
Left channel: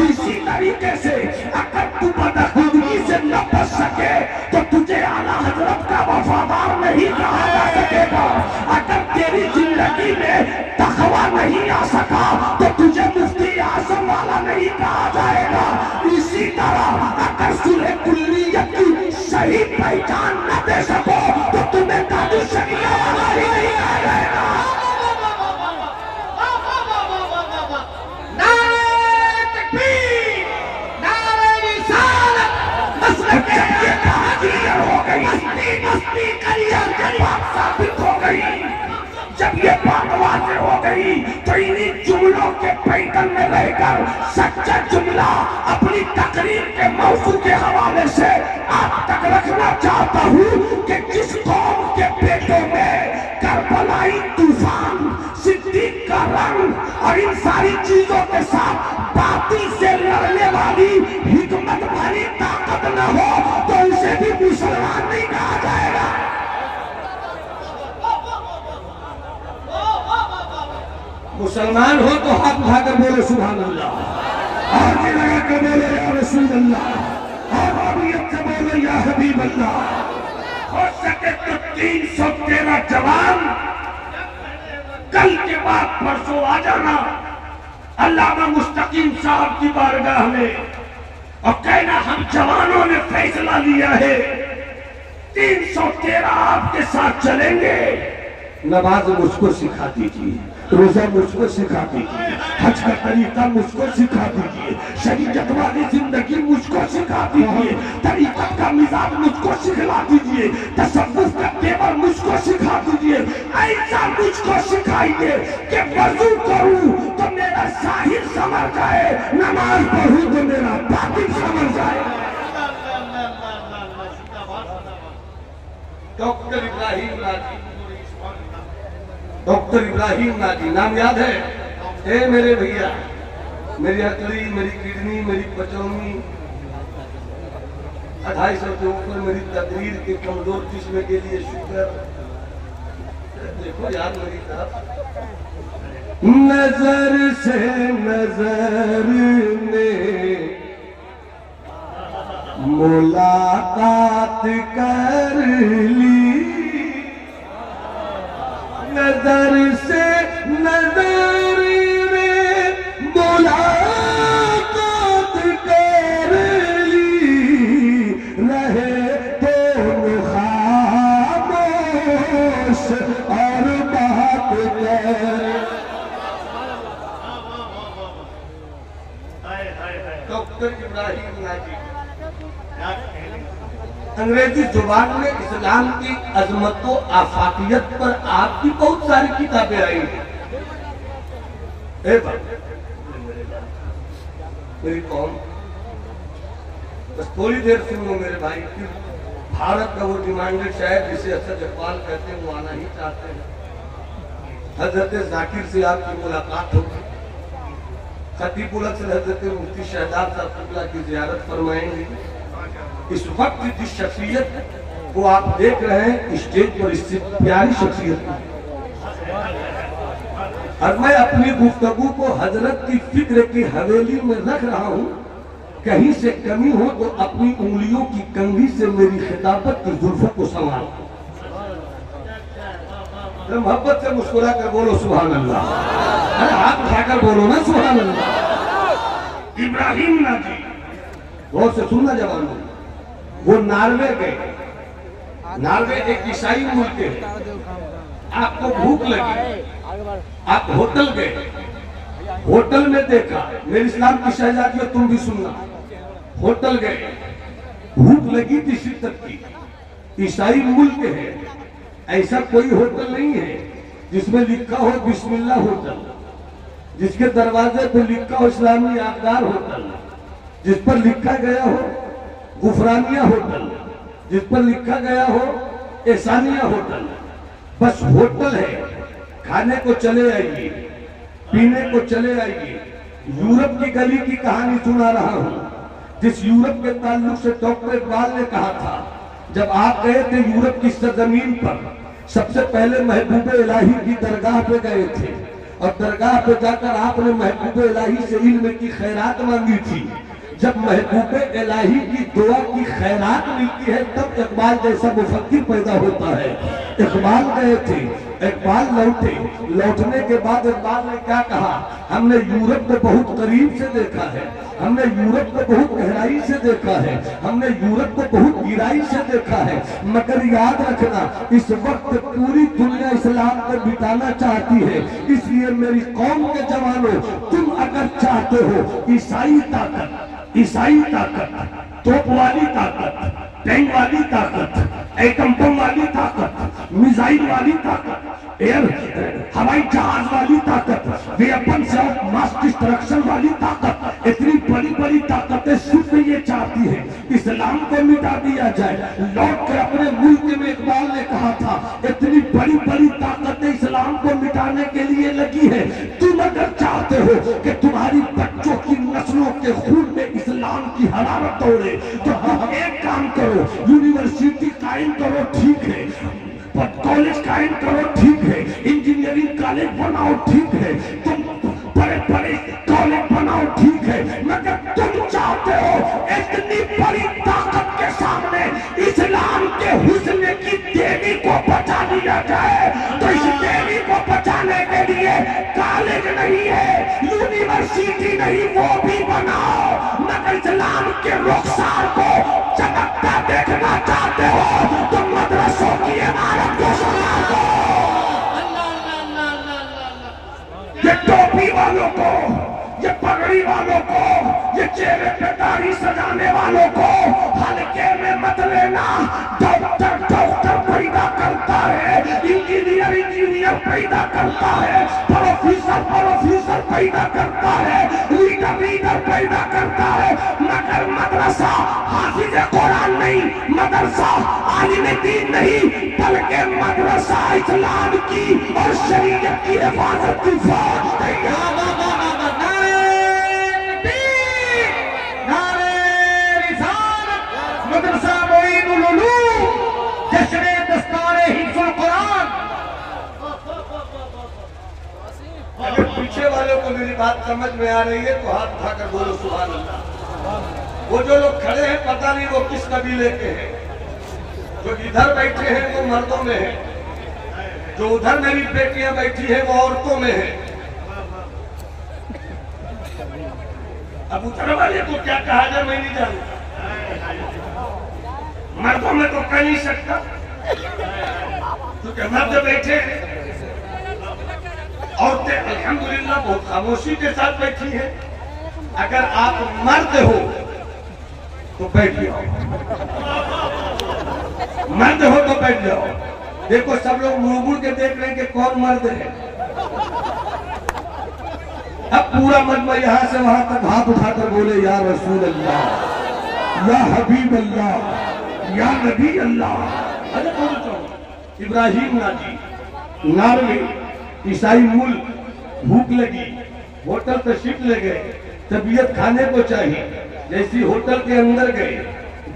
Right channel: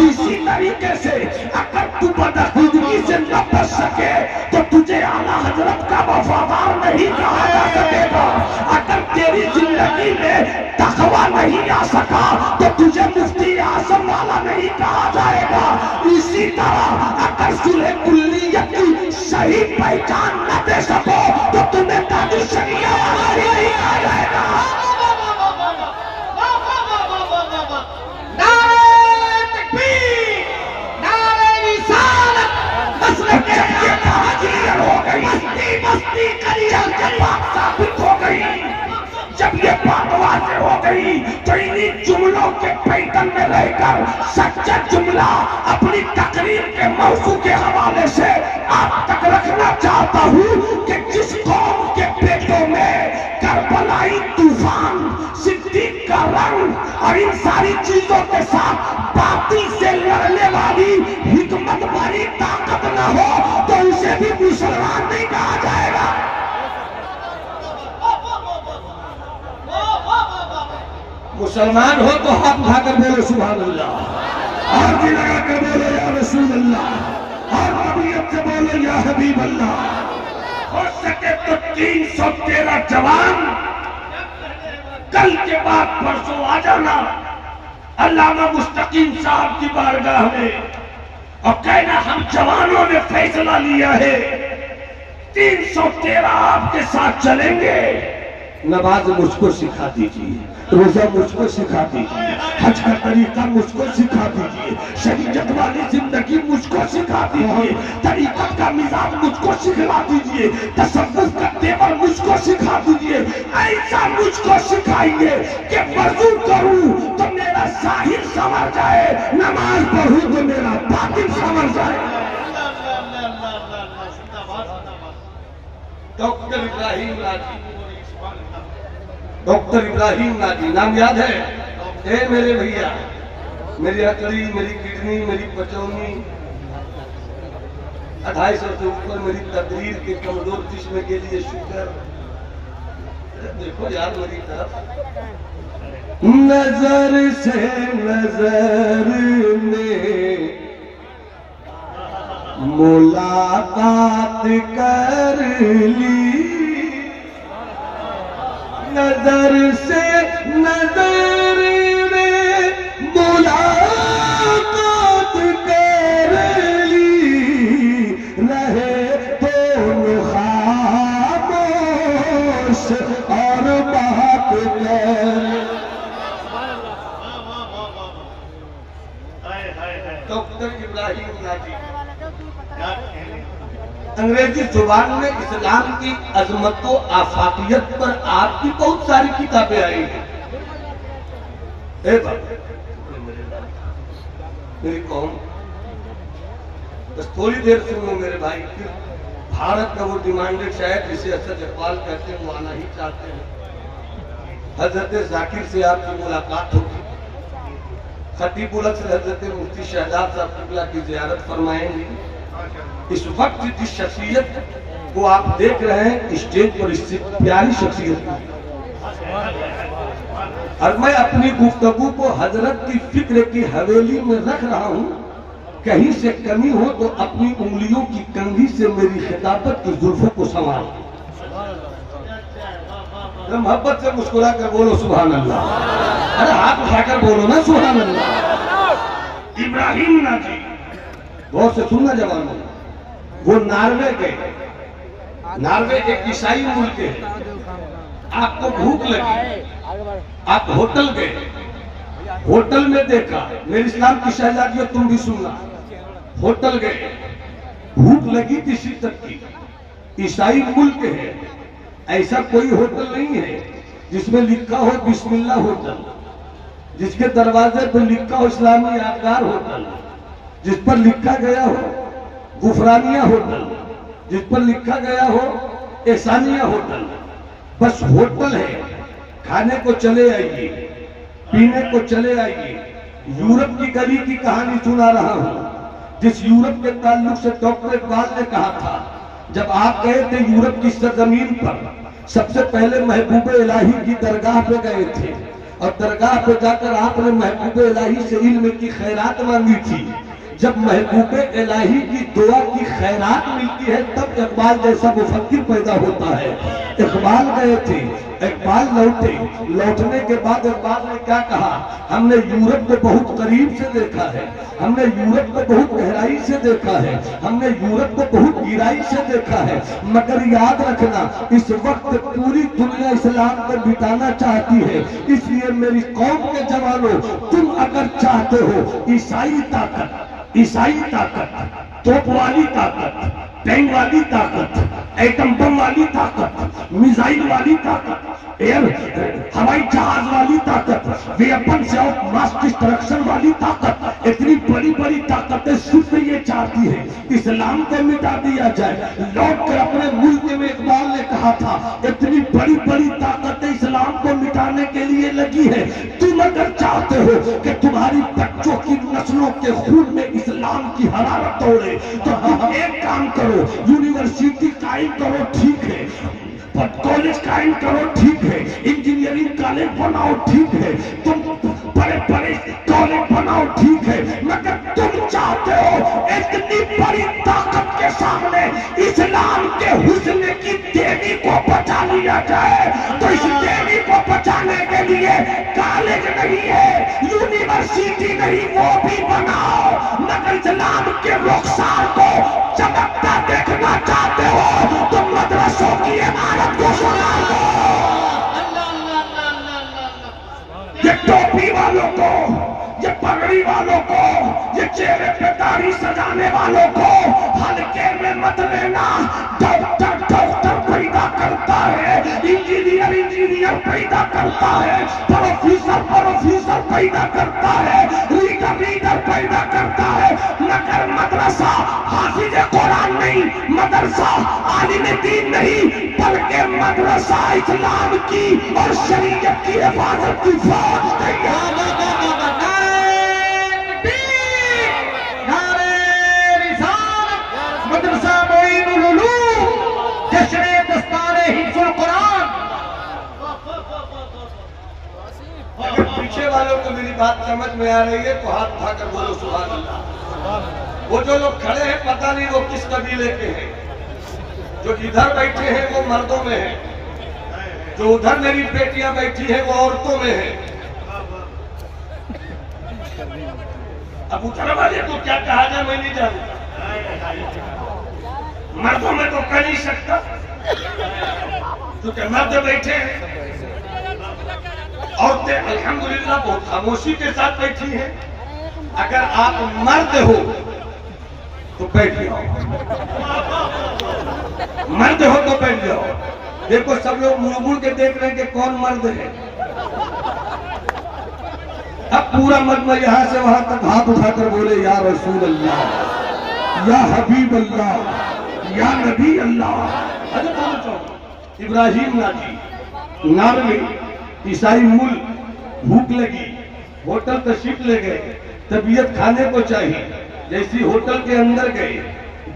इसी तरीके से अगर तू बदखुदगी से न बच सके तो तुझे आला हजरत का वफादार नहीं कहा जा सकेगा। अगर तेरी जिंदगी में तकवा नहीं आ सका तो तुझे मुफ्ती आजम वाला नहीं कहा जाएगा। इसी तरह अगर सुलह कुल्लियत की सही पहचान न दे सको तो तुम्हें ताजु शरिया वाला ही नहीं कहा जाएगा। नारे तकबीर, नारे रिसालत, मसलक ये कहां क्लियर हो गई, मस्ती करियर के बात साबित हो गई। जब ये बात वाज़ेह हो गई तो इन्हीं जुमलों के पैटर्न में रहकर सच्चा जुमला अपनी तकरीर के मौजू के हवाले से आप तक रखना चाहता हूँ कि जिस कौम के पेटों में करबलाई तूफान, सिद्दीक का रंग और इन सारी चीजों के साथ बातिल से लड़ने वाली हिकमत वाली ताकत न हो तो उसे भी मुसलमान नहीं कहा जाएगा। मुसलमान हो तो हाथ उठाकर बोलो सुभान अल्लाह, और भी लगा कर बोलो या रसूल अल्लाह, और अबीयत से बोलो या हबीब अल्लाह। हो सके तो 313 जवान कल के बाद परसों आ जाना अल्लामा मुस्तकीम साहब की बारगाह में और कहना हम जवानों ने फैसला लिया है 313 आपके साथ चलेंगे। नमाज मुझको सिखा दीजिए, रोजा मुझको सिखा दीजिए, हज का तरीका मुझको सिखा दीजिए, शरीयत वाली जिंदगी मुझको सिखा दीजिए, तरीकत का मिजाज मुझको सिखा दीजिए, तसव्वुफ का तेवर मुझको सिखा दीजिए। ऐसा मुझको सिखाइए कि वजू करूं तो मेरा जाहिर संवर जाए, नमाज पढ़ूं तो मेरा बातिन संवर जाए। Doctor Ibrahim Nazi, doctor Ibrahim Nazi नाम याद है? ए मेरे भैया, मेरी हथेली, मेरी किडनी, मेरी पचौनी, 250 से ऊपर मेरी तकरीर के कमजोर किस्म के लिए शुक्र। देखो यार मेरी तरफ, नजर से नजर में मुलाकात कर ली, नजर से नजर में मुलाकात कर ली, रहे तो खामोश और बात कर। डॉक्टर इब्राहिम नाजी अंग्रेजी जुबान में इस्लाम की अजमत व आफाकियत पर आपकी बहुत सारी किताबें आई हैं। मेरी कौम, बस थोड़ी देर सुनो मेरे भाई, फिर भारत का वो डिमांडेड शायर जिसे असद इकबाल कहते हैं वो आना ही चाहते हैं। हजरत जाकिर से आपकी मुलाकात होगी, खतीबुल अक्सर हजरत मुफ्ती शहजाद साहब किबला की जियारत फरमाएंगे। इस वक्त जिस शख्सियत को आप देख रहे हैं स्टेज पर, इससे प्यारी शख्सियत, और मैं अपनी गुफ्तगू को हजरत की फिक्र की हवेली में रख रहा हूँ। कहीं से कमी हो तो अपनी उंगलियों की कंघी से मेरी खिताबत की जुल्फों को संवार। मोहब्बत से मुस्कुरा कर बोलो सुभान अल्लाह, अरे हाथ उठाकर बोलो ना सुभान अल्लाह। इब्राहिम नाजी, गौर से सुनना जवान, वो नार्वे गए। नार्वे एक ईसाई मुल्क है। आपको भूख लगी, आप होटल गए, होटल में देखा, मेरे इस्लाम की शहजादियों तुम भी सुनना, होटल गए, भूख लगी थी शिद्दत की, ईसाई मुल्क है, ऐसा कोई होटल नहीं है जिसमें लिखा हो बिस्मिल्लाह होटल, जिसके दरवाजे पर लिखा हो इस्लामी यादगार होटल, जिस पर लिखा गया हो गुफरानिया होटल, जिस पर लिखा गया हो एहसानिया होटल। बस होटल है, खाने को चले आइए, पीने को चले आइए। यूरोप की गली की कहानी सुना रहा हूं, जिस यूरोप के ताल्लुक से डॉक्टर इकबाल ने कहा था, जब आप गए थे यूरोप की सरजमीन पर, सबसे पहले महबूब इलाही की दरगाह पे गए थे और दरगाह पे जाकर आपने महबूब इलाही से इल्म की खैरात मांगी थी। जब महबूब इलाही की दुआ की खैरात मिलती है तब इकबाल जैसा मुफक्किर पैदा होता है। इकबाल गए थे, इकबाल लौटे, लौटने के बाद इकबाल ने क्या कहा, हमने यूरोप को बहुत करीब से देखा है, हमने यूरोप को बहुत गहराई से देखा है, हमने यूरोप को बहुत गिराई से देखा है, मगर याद रखना इस वक्त पूरी दुनिया इस्लाम को बिताना चाहती है। इसलिए मेरी कौम के जवानों, तुम अगर चाहते हो ईसाई ताकत, ईसाई ताकत, तोप वाली ताकत, टैंक वाली ताकत, एटम बम वाली ताकत, मिसाइल वाली ताकत, एयर हवाई जहाज वाली ताकत, वेपन्स ऑफ मास डिस्ट्रक्शन वाली ताकत, इतनी बड़ी बड़ी ताकतें सिर्फ ये चाहती है इस्लाम को मिटा दिया जाए। लौट कर अपने मुल्क में इकबाल ने कहा था, इतनी बड़ी बड़ी ताकतें इस्लाम को मिटाने के लिए लगी है। तुम अगर चाहते हो कि तुम्हारी बच्चों की नस्लों के खून में इस्लाम की हरारत दौड़े तो तुम एक काम करो, यूनिवर्सिटी कायम करो, ठीक है, कॉलेज कायम करो, ठीक है, इंजीनियरिंग कॉलेज बनाओ, ठीक है, तुम बड़े बड़े कॉलेज बनाओ, ठीक है, मगर तुम चाहते हो इतनी बड़ी ताकत के सामने इस्लाम के हुस्न की देवी को बचा लिया जाए। तो इस देवी को बचाने के लिए कॉलेज नहीं है, यूनिवर्सिटी नहीं, वो भी बनाओ, मगर इस्लाम के रुखसार को चमकता देखना चाहते हो तो मदरसों की इमारत को सुना दो। ये टोपी वालों को, ये पगड़ी वालों को, ये चेहरे पे दाढ़ी सजाने वालों को हल्के में मत लेना। डॉक्टर डॉक्टर पैदा करता है, इंजीनियर इंजीनियर पैदा करता है, प्रोफेसर प्रोफेसर पैदा करता है, लीडर लीडर पैदा करता है, मगर मदरसा हाफिज कुरान नहीं, मदरसा आलिम दीन नहीं, बल्कि मदरसा इस्लाम की और शरीयत की हिफाजत की फौज तैयार। मदरसा मोइनुल उलूम, जश्न दस्तारे हिफ्जुल कुरान। अगर पीछे वालों को मेरी बात समझ में आ रही है तो हाथ उठाकर बोलो सुभान अल्लाह। वो जो लोग खड़े हैं पता नहीं वो किस कबीले के हैं, जो इधर बैठे हैं वो मर्दों में है, जो उधर मेरी बेटियां बैठी है वो औरतों में है। अब उधर वाले को क्या कहा जाए मैं नहीं जानता, मर्दों में तो कह नहीं सकता क्योंकि मर्द बैठे हैं, औरतें अल्हम्दुलिल्लाह बहुत खामोशी के साथ बैठी हैं। अगर आप मर्द हो तो बैठ जाओ, मर्द हो तो बैठ जाओ। देखो सब लोग मुड़ मुड़ के देख रहे हैं कि कौन मर्द है। अब पूरा मजमा यहां से वहां तक हाथ उठाकर बोले या रसूल अल्लाह, या हबीब अल्लाह, या नबी अल्लाह। अरे कौन इब्राहिम नाजी नार में ईसाई मूल, भूख लगी, होटल तशरीफ ले गए, तबीयत खाने को चाहिए। जैसी होटल के अंदर गए,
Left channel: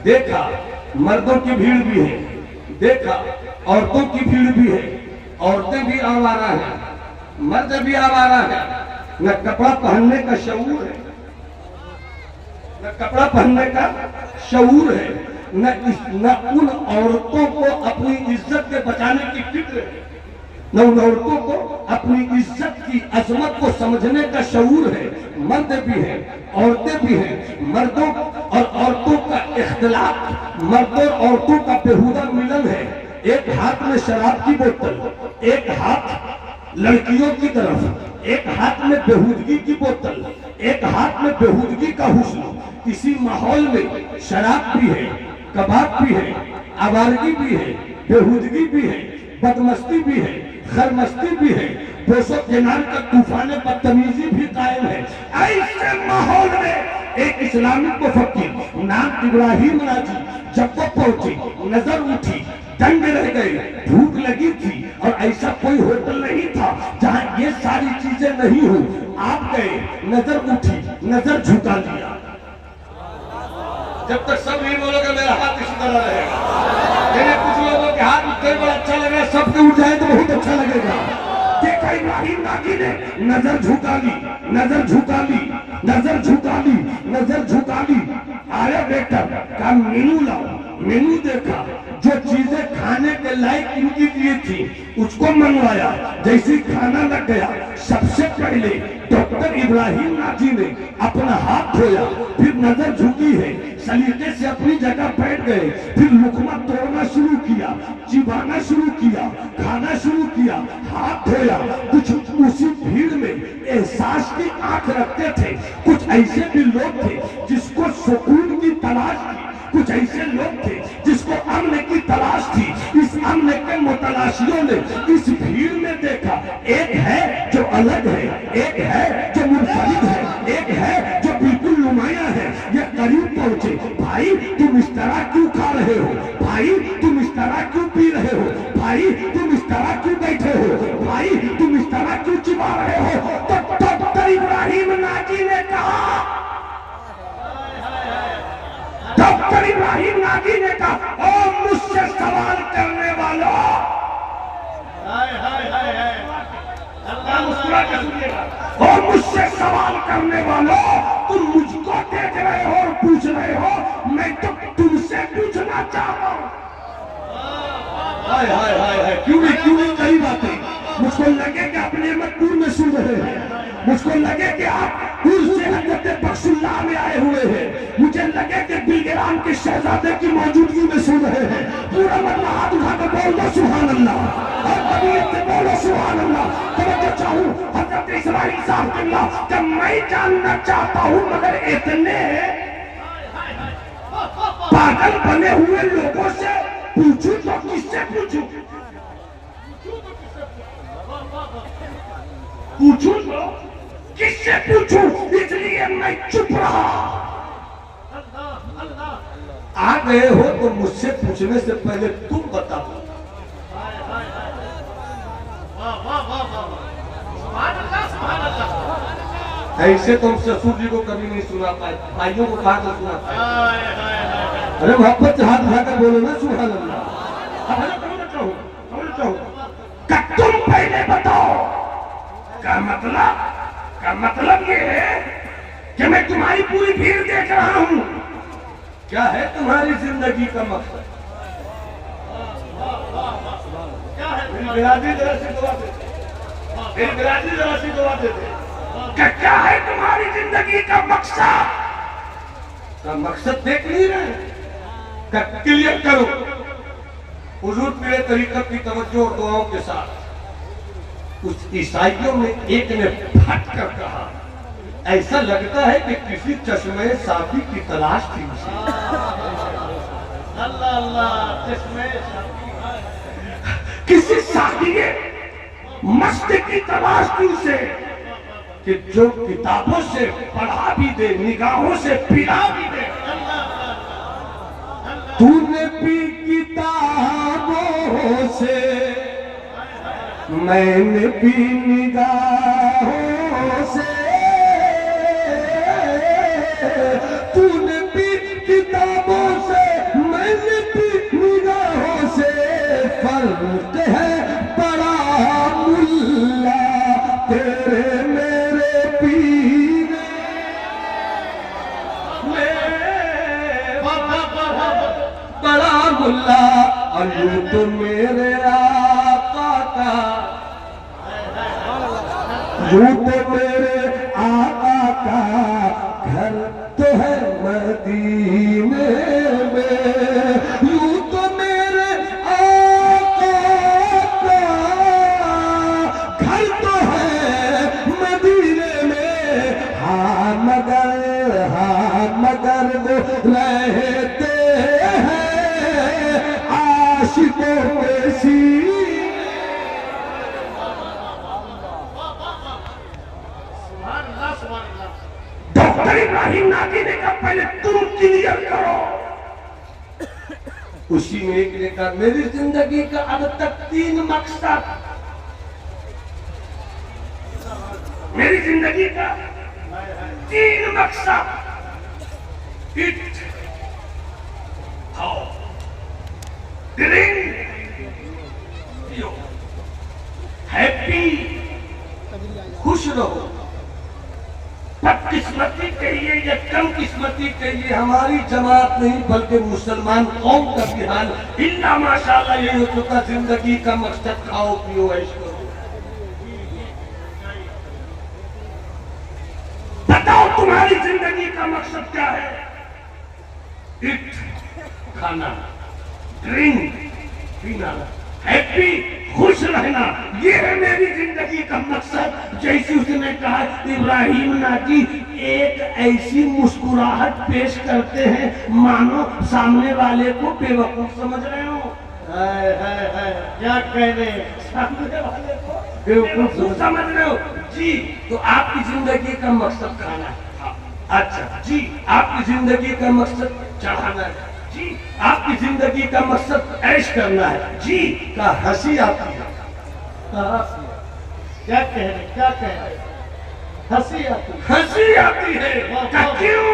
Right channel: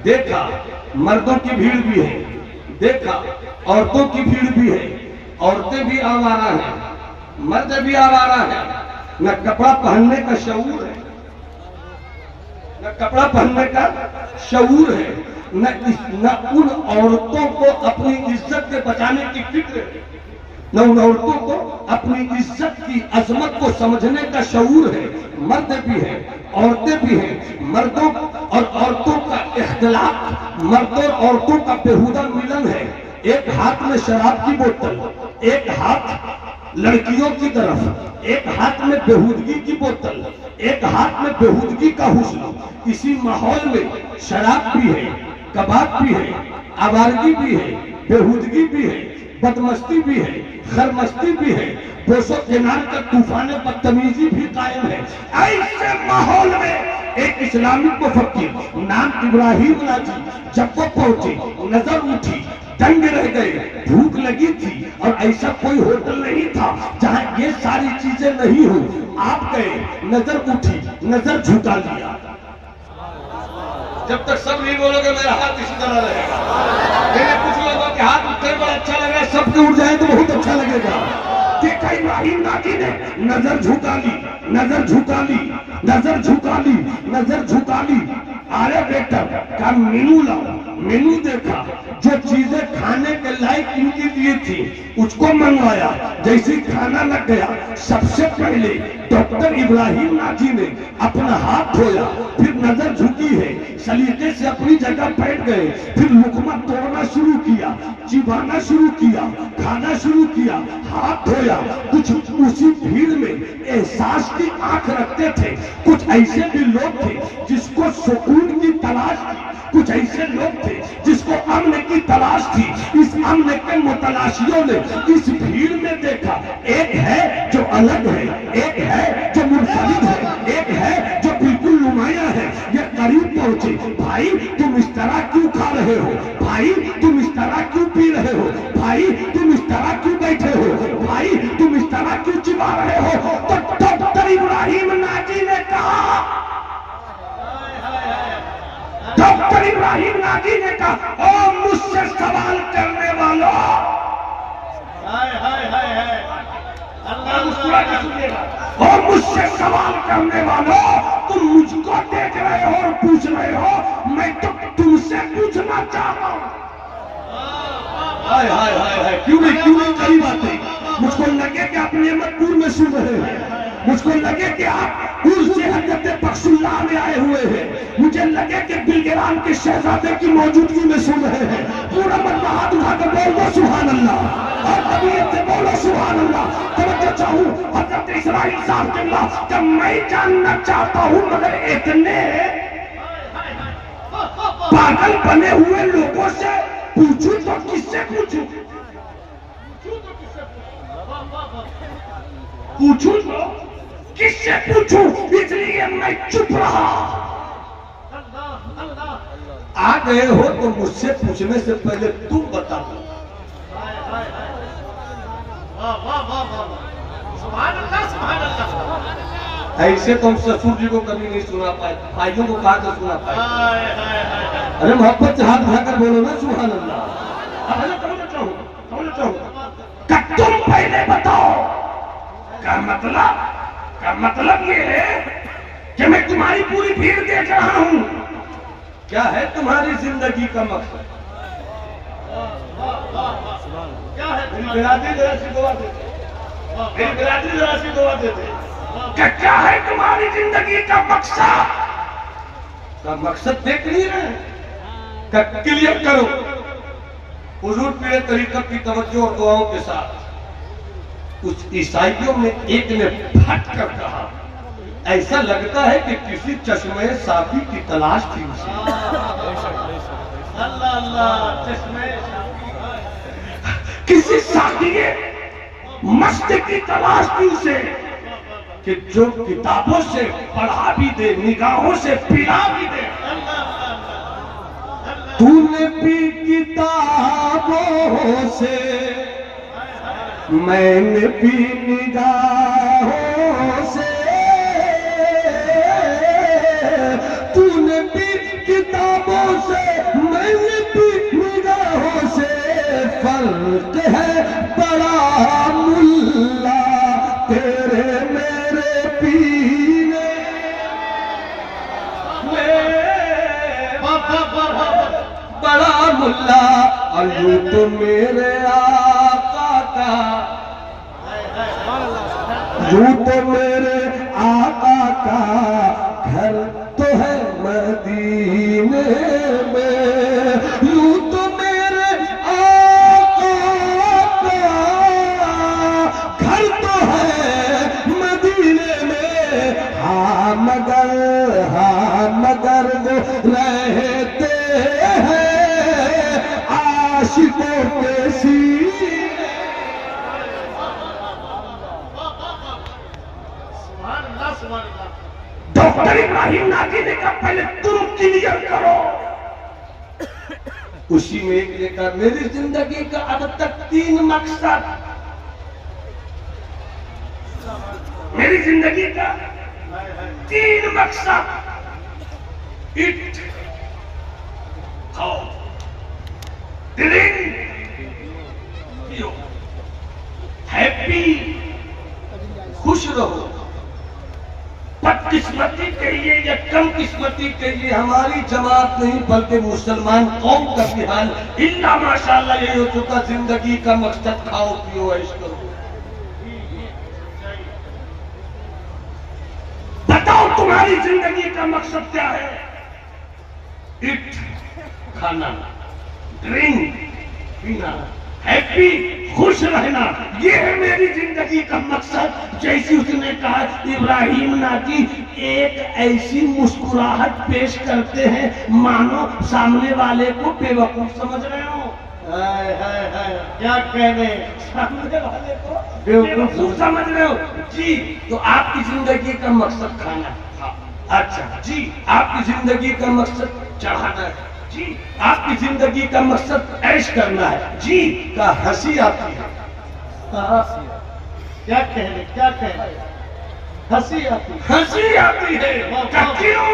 देखा मर्दों की भीड़ भी है, देखा औरतों की भीड़ भी है, औरतें भी आवारा है, मर्द भी आवारा है। न कपड़ा पहनने का शऊर है, न कपड़ा पहनने का शऊर है, न उन औरतों को अपनी इज्जत से बचाने की फिक्र है, न उन औरतों को अपनी इज्जत की अजमत को समझने का शऊर है। मर्द भी है, औरतें भी हैं, मर्दों और औरतों का इख्तिलाफ, मर्दों और औरतों का बेहुदा मिलन है। एक हाथ में शराब की बोतल, एक हाथ लड़कियों की तरफ, एक हाथ में बेहूदगी की बोतल, एक हाथ में बेहूदगी का हुस्न। इसी माहौल में शराब भी है, कबाब भी है, आवारगी भी है, बेहूदगी भी है, बदमस्ती भी है, खरमस्ती भी है, बोसो किनार का तूफान बदतमीजी भी कायम है। ऐसे माहौल में एक इस्लामिक मुफक्किर नाम इब्राहिम नाजी जब वो पहुंचे, नजर उठी, दंग रह गए, भूख लगी थी और ऐसा कोई होटल नहीं था जहां ये सारी चीजें नहीं हो। आप गए, नजर उठी, नजर झुका लिया। जब तक सब नहीं बोलोगे मेरा हाथ इसी तरह रहेगा। मैंने कुछ लोगों के हाथ उठते बड़ा अच्छा लगा, सबके उठ जाए तो बहुत अच्छा लगेगा। देखा इब्राहिम नाजी ने नजर झुका ली, नजर झुका ली, नजर झुका ली, नजर झुका ली। आया वेटर का मेनू लाओ, मेनू देखा, जो चीजें खाने के लायक इनकी लिए थी उसको मंगवाया। जैसे खाना लग गया, सबसे पहले डॉक्टर इब्राहिम नाजी ने अपना हाथ धोया, फिर नजर झुकी है, सलीके से अपनी जगह बैठ गए, फिर लुकमा तोड़ना शुरू किया, चिबाना शुरू किया, खाना शुरू किया, हाथ धोया। कुछ उसी भीड़ में एहसास की आंख रखते थे। कुछ ऐसे भी लोग थे जिसको सुकून की तलाश थी, कुछ ऐसे लोग थे जिसको अम्न की तलाश थी। इस अम्न के मुतलाशियों ने इस भीड़ में देखा, एक है जो अलग है, एक है जो मुनफरिद है, एक है जो बिल्कुल नुमाया है। ये करीब पहुंचे, भाई तुम इस तरह क्यों खा रहे हो, भाई तुम इस तरह क्यों पी रहे हो, भाई तुम इस तरह क्यों बैठे हो, भाई तुम इस तरह क्यों चिबा रहे हो। तो डॉक्टर इब्राहिम नाजी ने कहा, डॉक्टर इब्राहिम नाजी ने कहा, ओ मुझसे सवाल करने वालों, और मुझसे सवाल करने वालों, तुम मुझको देख रहे हो और पूछ रहे हो, मैं तो तुमसे पूछना चाहता हूँ। हाय हाय हाय हाय, क्यों नहीं कई बातें मुझको लगे कि आप नेमतपुर में सुन रहे हैं, मुझको लगे कि आप उर्स से हजरत बख्शुल्लाह में आए हुए हैं, मुझे लगे कि बिलगिराम के शहजादे की मौजूदगी में सुन रहे हैं। पूरा मन हाथ उठाकर बोल दो सुभान अल्लाह, और तबीयत से बोलो सुभान अल्लाह। तवज्जो चाहूं हजरत इस्माइल साहब के अल्लाह, जब मैं जानना चाहता हूं मगर इतने पागल बने हुए लोगों से पूछूं तो किससे पूछूं, पूछूं तो किससे पूछूं, इसलिए मैं चुप रहा। आ गए हो तो मुझसे पूछने से पहले तुम बताओ। ऐसे तो हम ससुर जी को कभी नहीं सुना पाए, भाइयों को कहा सुना पाए। अरे मोहब्बत से हाथ उठाकर बोलो ना सुभान अल्लाह। तुम पहले बताओ, क्या मतलब ये है कि मैं तुम्हारी पूरी भीड़ देख रहा हूं, क्या है तुम्हारी जिंदगी का मकसद, क्या है? बिरादरी जरा सी दुआ देते, बिरादरी जरा सी दुआ देते, क्या है तुम्हारी जिंदगी का मकसद? का मकसद देख नहीं रहे, क्लियर करो। हुजूर पीरे तरीकत की तवज्जो और दुआओं के साथ कुछ ईसाइयों में एक ने फट कर कहा, ऐसा लगता है कि किसी चश्मे साफी की तलाश थी उसे। अल्लाह अल्लाह, चश्मे किसी साफिए मस्त की तलाश थी उसे, कि जो किताबों से पढ़ा भी दे, निगाहों से पिला भी दे। तूने भी किताबों से, मैंने भी निगाहों से, तूने भी किताबों से, मैंने भी निगाहों से, फर्क है बड़ा मुल्ला तेरे मेरे पीने में, बड़ा मुल्ला अल्लू तो मेरे आका का, यूं तो मेरे आका का घर तो है मदीने में, यूं तो मेरे आका का घर तो है मदीने में। हाँ मगर वो रहते हैं नाजी ने कहा पहले तुम क्लियर करो। उसी में एक लिखा, मेरी जिंदगी का अब तक 3 मकसद, मेरी जिंदगी का 3 मकसद, इट खाओ, ड्रिंक, पियो, हैप्पी, खुश रहो। बदकिस्मती कहिए या कम किस्मती कहिए, हमारी जमात नहीं बल्कि मुसलमान कौम का भी हाल इल्ला माशाअल्लाह यही हो चुका। जिंदगी का मकसद खाओ पियो ऐश करो। बताओ तुम्हारी जिंदगी का मकसद क्या है? इट खाना, ड्रिंक पीना, हैप्पी खुश रहना, ये है मेरी जिंदगी का मकसद। जैसे उसने कहा इब्राहिम नाजी एक ऐसी मुस्कुराहट पेश करते हैं मानो सामने वाले को बेवकूफ समझ रहे हो। क्या कहने, सामने वाले को बेवकूफ समझ रहे हो जी। तो आपकी जिंदगी का मकसद खाना है। अच्छा जी। आपकी जिंदगी का मकसद चाहना है जी। आपकी जिंदगी का मकसद ऐश करना है जी। का हंसी आती है। क्या कह रहे, क्या कह रहे? हंसी आती है। हंसी आती है क्यों?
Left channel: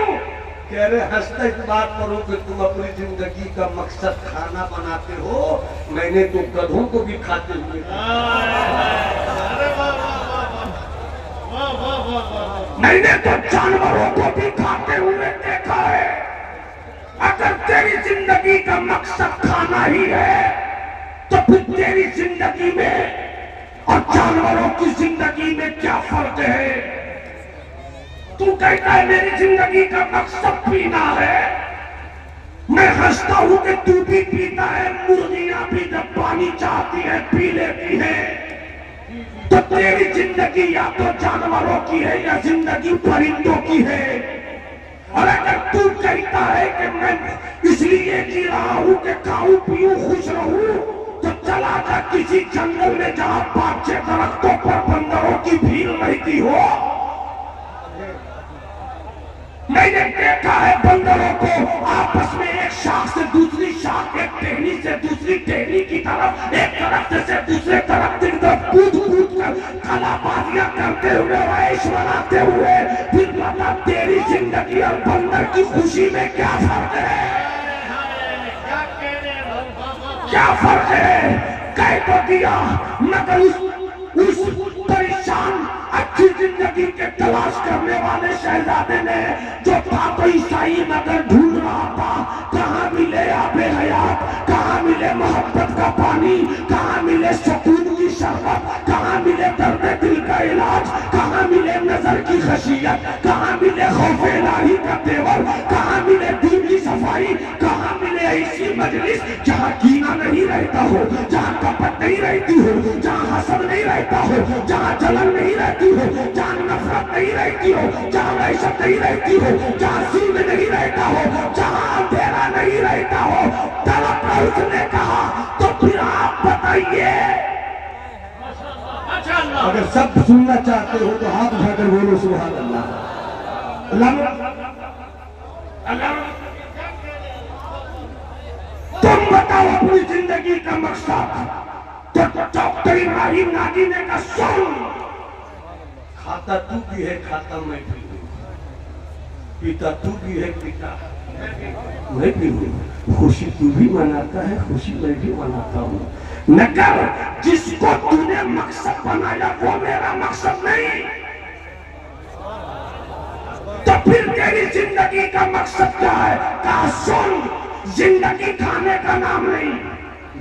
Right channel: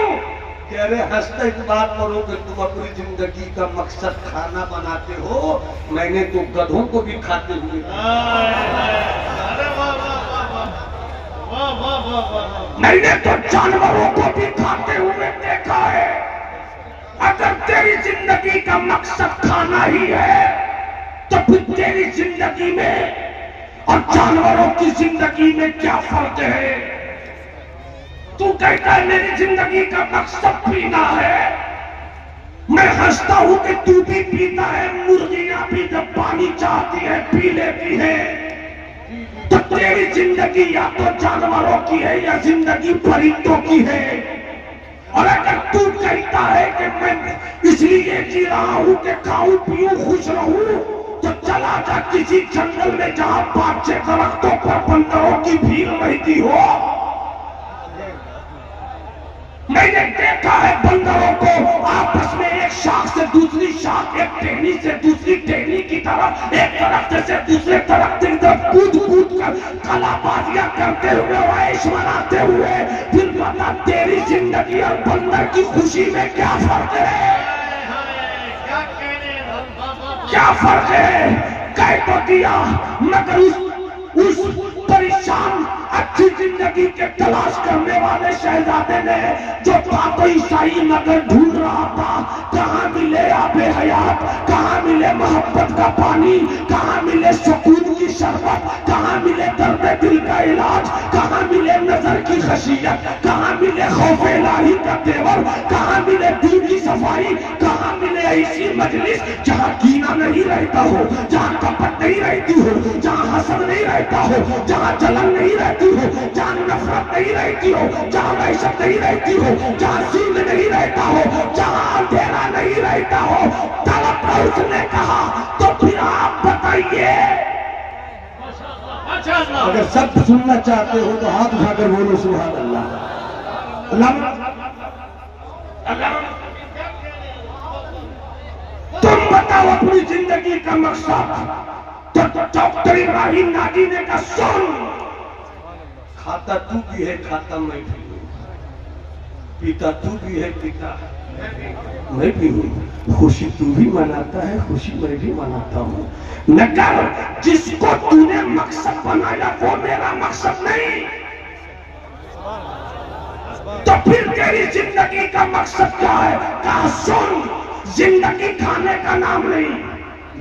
कह रहे हंसते इस बात करो कि तुम अपनी जिंदगी का मकसद खाना बनाते हो, मैंने तो गधों को भी खाते हुए देखा। अरे वाह वाह वाह वाह वाह वाह वाह। मैंने तो जानवरों को भी खाते हुए देखा है। अगर तेरी जिंदगी का मकसद खाना ही है तो फिर तेरी जिंदगी में और जानवरों की जिंदगी में क्या फर्क है? तू कहता है मेरी जिंदगी का मकसद पीना है, मैं हंसता हूं कि तू भी पीता है। मुर्गियां भी जब पानी चाहती है पी लेती है। तो तेरी जिंदगी या तो जानवरों की है या जिंदगी परिंदों की है। और अगर तू कहता है कि मैं इसलिए जी रहा हूं कि खाऊं पीऊं खुश रहूं, तो चला जा किसी जंगल में जहां बाचे दरख्तों पर बंदरों की भीड़ रहती हो। मैंने देखा है बंदरों को आपस में एक शाख से दूसरी शाख, एक टहनी से दूसरी टहनी की तरफ, एक दरख्त से दूसरे दरख्त की तरफ कूद कूद कर कलाबाजियां करते हुए ऐश मनाते हुए। फिर बता तेरी जिंदगी और बंदर की खुशी में क्या फर्क है? क्या कह रहे हैं? क्या फर्क है? कह तो दिया, मगर उस परेशान अच्छी जिंदगी के तलाश करने वाले शहजादे ने जो था तो ईसाई मगर ढूंढ रहा था कहाँ मिले आबे हयात, कहाँ मिले मोहब्बत का पानी, कहाँ मिले सुकून की शरबत, कहाँ मिले दर्द दिल का इलाज, कहाँ मिले नजर की खशियत, कहाँ मिले खौफ इलाही का तेवर, कहाँ मिले दिल की सफाई, कहाँ मिले ऐसी मजलिस जहाँ कीना नहीं रहता हो, जहाँ कपट नहीं रहती हो, जहाँ हसद नहीं रहता हो, जहाँ जलन नहीं रहती हो, जहाँ नफरत नहीं रहती हो, जहाँ वहशत नहीं रहती हो, जहाँ जुल्म नहीं रहता हो, जहाँ अंधेरा नहीं रहता हो। तलब उसने कहा तो फिर आप बताइए। अगर सब सुनना चाहते हो तो हाथ उठाकर बोलो सुभान अल्लाह। तुम बताओ अपनी जिंदगी का मकसद। तो डॉक्टर इब्राहिम नाजी ने कहा सुन, खाता तू भी है, खाता मैं भी हूँ, पीता तू भी है, पीता मैं भी हूँ, खुशी तू भी मनाता है, खुशी मैं भी मनाता हूँ। नगर जिसको तूने मकसद बनाया वो मेरा मकसद नहीं, तो फिर तेरी जिंदगी का मकसद क्या है? कहा सुन, जिंदगी खाने का नाम नहीं,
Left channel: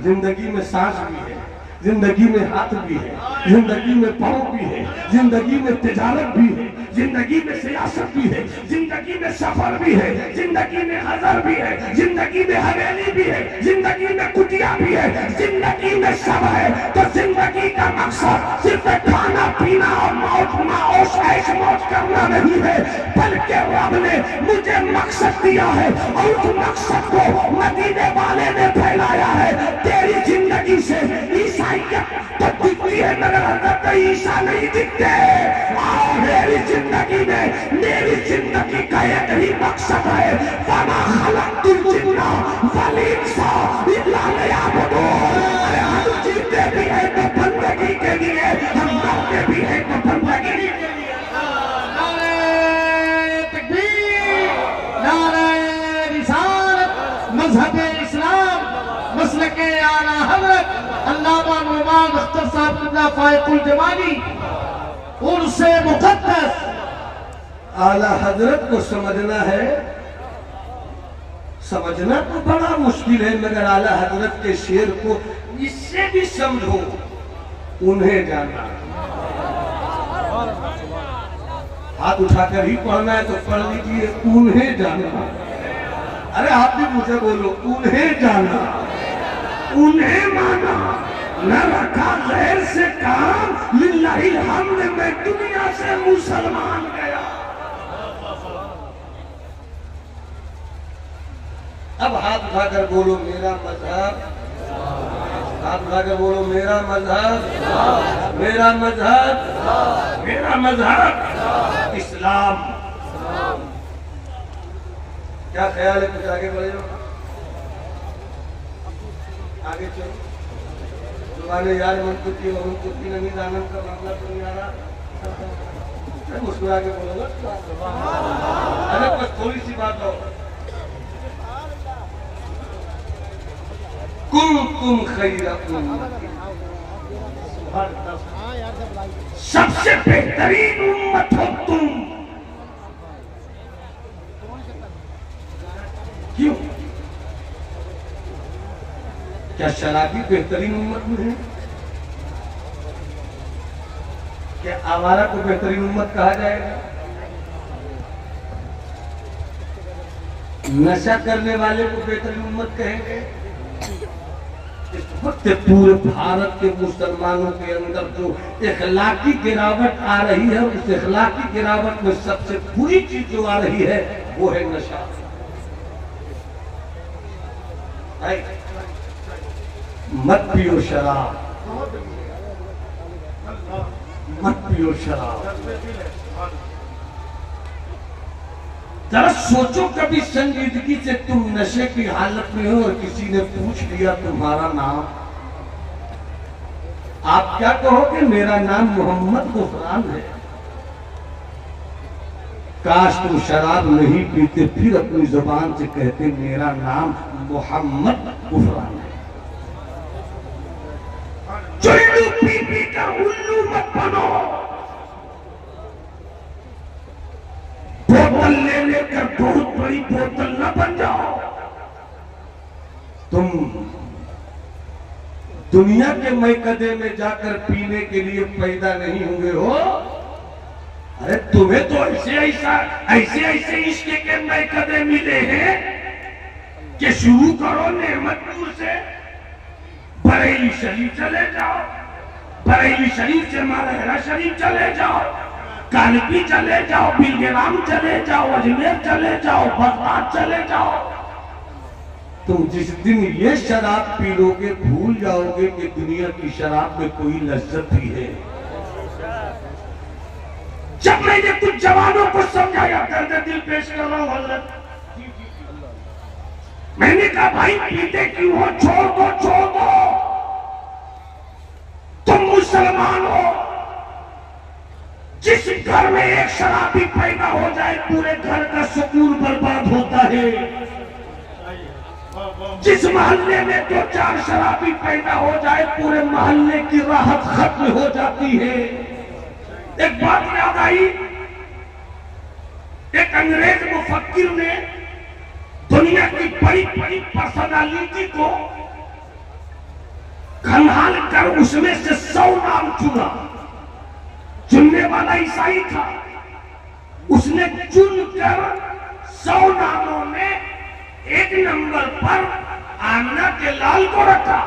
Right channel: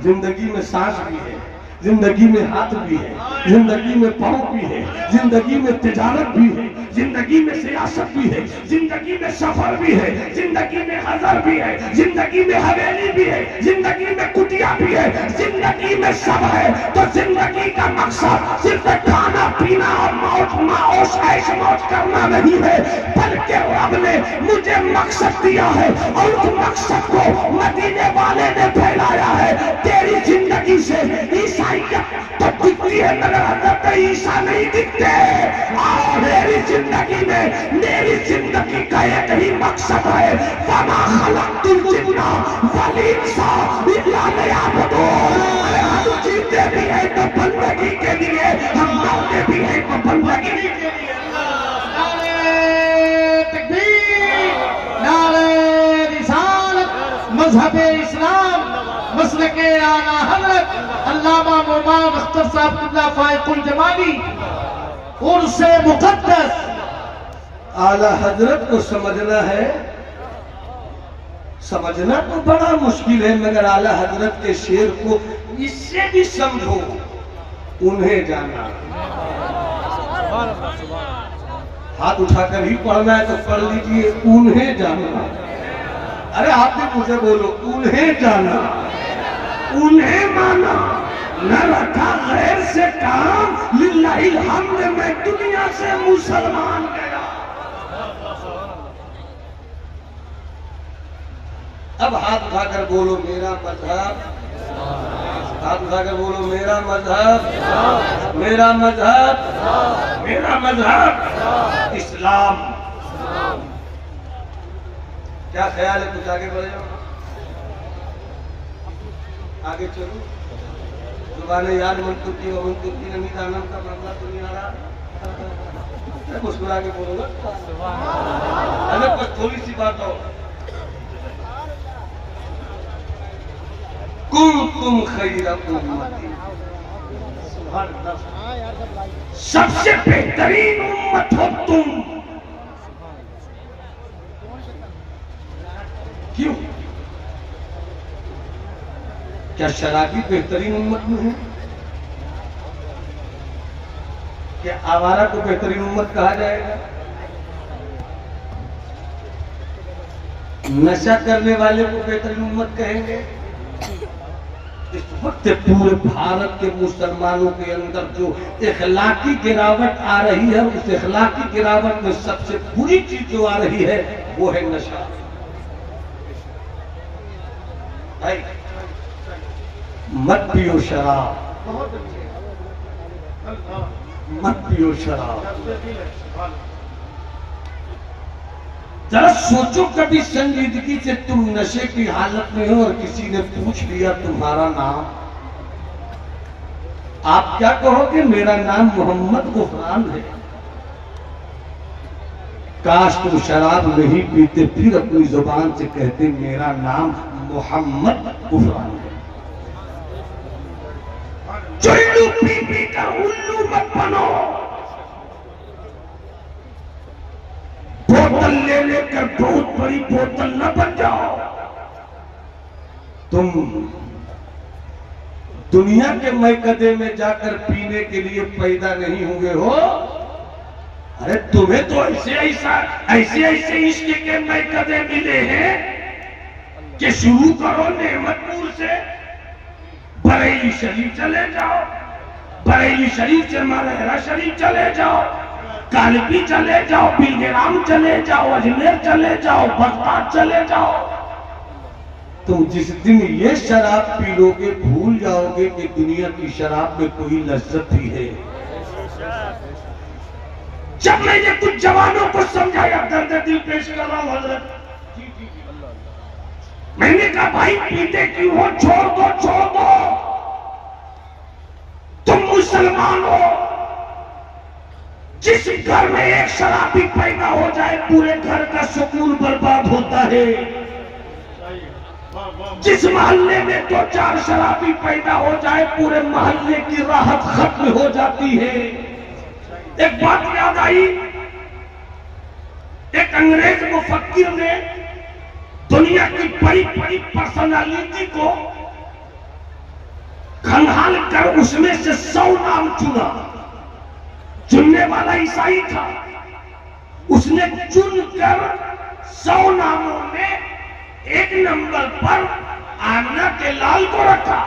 जिंदगी में सांस भी है, जिंदगी में हाथ भी है, जिंदगी में पाँव भी है, जिंदगी में तिजारत भी है, जिंदगी में सियासत भी है, जिंदगी में सफर भी है, जिंदगी में हजर भी है, जिंदगी में हवेली भी है, जिंदगी में कुटिया भी है, जिंदगी में सब है। तो जिंदगी का मकसद सिर्फ खाना पीना और मौज माओश ऐश मौज करना नहीं है, बल्कि रब ने मुझे मकसद दिया है और उस मकसद को मदीने वाले ने फैलाया है। तेरी जिंदगी से ईसाइयत तो दिखती है मगर हजरत ईसा नहीं दिखते। और मेरी जिंदगी में मेरी जिंदगी का एक ही मकसद है, वमा खलक़तुल जिन्ना वल इंसा इल्ला लियअबुदून। हम जीते भी हैं तो बंदगी के लिए, हम मरते भी हैं तो बंदगी के लिए। मज़हब-ए इस्लाम मसलके आला हज़रत अल्लामा मोहम्मद अख्तर साहब क़िबला फ़ाइक़ुल जमाली उनसे मुक़द्दस आला हजरत को समझना है, समझना तो बड़ा मुश्किल है, मगर आला हजरत के शेर को इससे भी समझो, उन्हें जाना। हाथ उठाकर ही पढ़ना है तो पढ़ लीजिए, उन्हें जाना। अरे आप भी मुझे बोलो, उन्हें जाना, उन्हें माना, न रखा गैर से काम, लिल्लाहिल हम्द, मैं दुनिया से मुसलमान गया। अब हाथ उठाकर बोलो मेरा मजहब, हाथ उठाकर बोलो मेरा मजहब, मेरा मजहब, मेरा मजहब इस्लाम। क्या ख्याल है, कुछ आगे बढ़ जाओ, आगे चलो। जुबान यार मनतुकी नहीं, दानम का मामला तो नहीं आ रहा, मुस्कुरा के बोलो ना। अरे कुछ थोड़ी सी बात हो, कुंतुम खैरा उम्मती, सबसे बेहतरीन उम्मत हो तुम। क्यों? क्या शराबी बेहतरीन उम्मत में है? क्या आवारा को बेहतरीन उम्मत कहा जाएगा? नशा करने वाले को बेहतरीन उम्मत कहेंगे? इस वक्त पूरे भारत के मुसलमानों के अंदर जो इखलाकी गिरावट आ रही है, उस इखलाकी गिरावट में सबसे बुरी चीज जो आ रही है वो है नशा। मत पियो शराब, मत पियो शराब। जरा सोचो, कभी संजीदगी से तुम नशे की हालत में हो और किसी ने पूछ लिया तुम्हारा नाम, आप क्या कहोगे? मेरा नाम मोहम्मद गुफरान है। काश तुम शराब नहीं पीते, फिर अपनी जुबान से कहते मेरा नाम मोहम्मद गुफरान है। चुल्लू पी पी का उल्लू मत बनो, बोतल ले लेकर बहुत बड़ी बोतल न बन जाओ। तुम दुनिया के मैकदे में जाकर पीने के लिए पैदा नहीं हुए हो। अरे तुम्हें तो ऐसे इश्क के मैकदे मिले हैं कि शुरू करो नेमतपुर से, बरेली शरीफ चले जाओ, बरेली शरीफ से मालहरा शरीफ चले जाओ, कालपी चले जाओ, बिलग्राम चले जाओ, अजमेर चले जाओ, बगदाद चले जाओ। तुम जिस दिन ये शराब पी लोगे भूल जाओगे कि दुनिया की शराब में कोई लज्जत भी है। जब मैंने कुछ जवानों को समझाया, दर्द दिल पेश कर रहा हूं हजरत, मैंने कहा भाई पीते क्यों हो, छोड़ दो, छोड़ दो, तुम मुसलमान हो। जिस घर में एक शराबी पैदा हो जाए पूरे घर का सुकून बर्बाद होता है। जिस मोहल्ले में 2-4 शराबी पैदा हो जाए पूरे मोहल्ले की राहत खत्म हो जाती है। एक बात याद आई, एक अंग्रेज मुफक्किर ने दुनिया की बड़ी बड़ी पर्सनालिटी को खंगाल कर उसमें से 100 नाम चुना। चुनने वाला ईसाई था, उसने चुनकर 100 नामों में 1 नंबर पर आमना के लाल को रखा।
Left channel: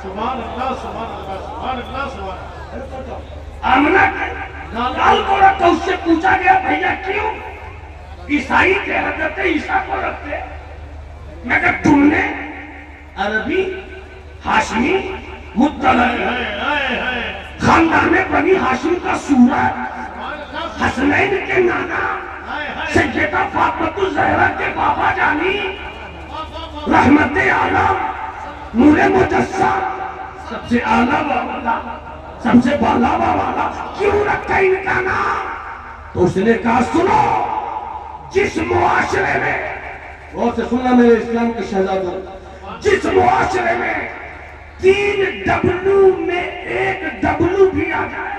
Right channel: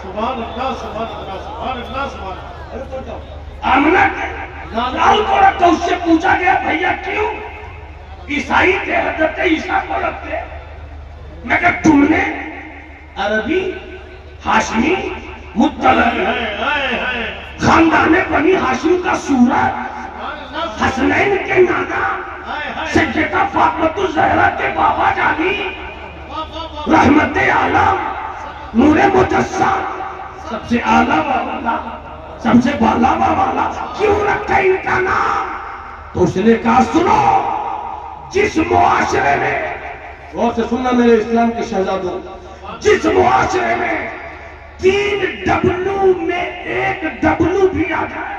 सुभान अल्लाह, सुभान अल्लाह, सुभान अल्लाह, सुभान अल्लाह। आमना के लाल को रखा। उससे पूछा गया भैया क्यों? ईसाई के हजरत ईसा को रखते, मगर तुमने अरबी, हाशमी, मुत्तलबी, खानदान बनी हाशिम का सूरज, हसनैन के नाना सैयदा फातिमा ज़हरा के बाबा जानी, रहमते आलम नूरे मुजस्सम, सबसे आला वाला, सबसे बाला वाला क्यों रखा इनका नाम? तो उसने कहा सुनो, जिस मुआशरे में, गौर से सुनना मेरे इस्लाम के शहजादों, जिस मुआशरे में 3 डब्लू में 1 डब्लू भी आ जाए,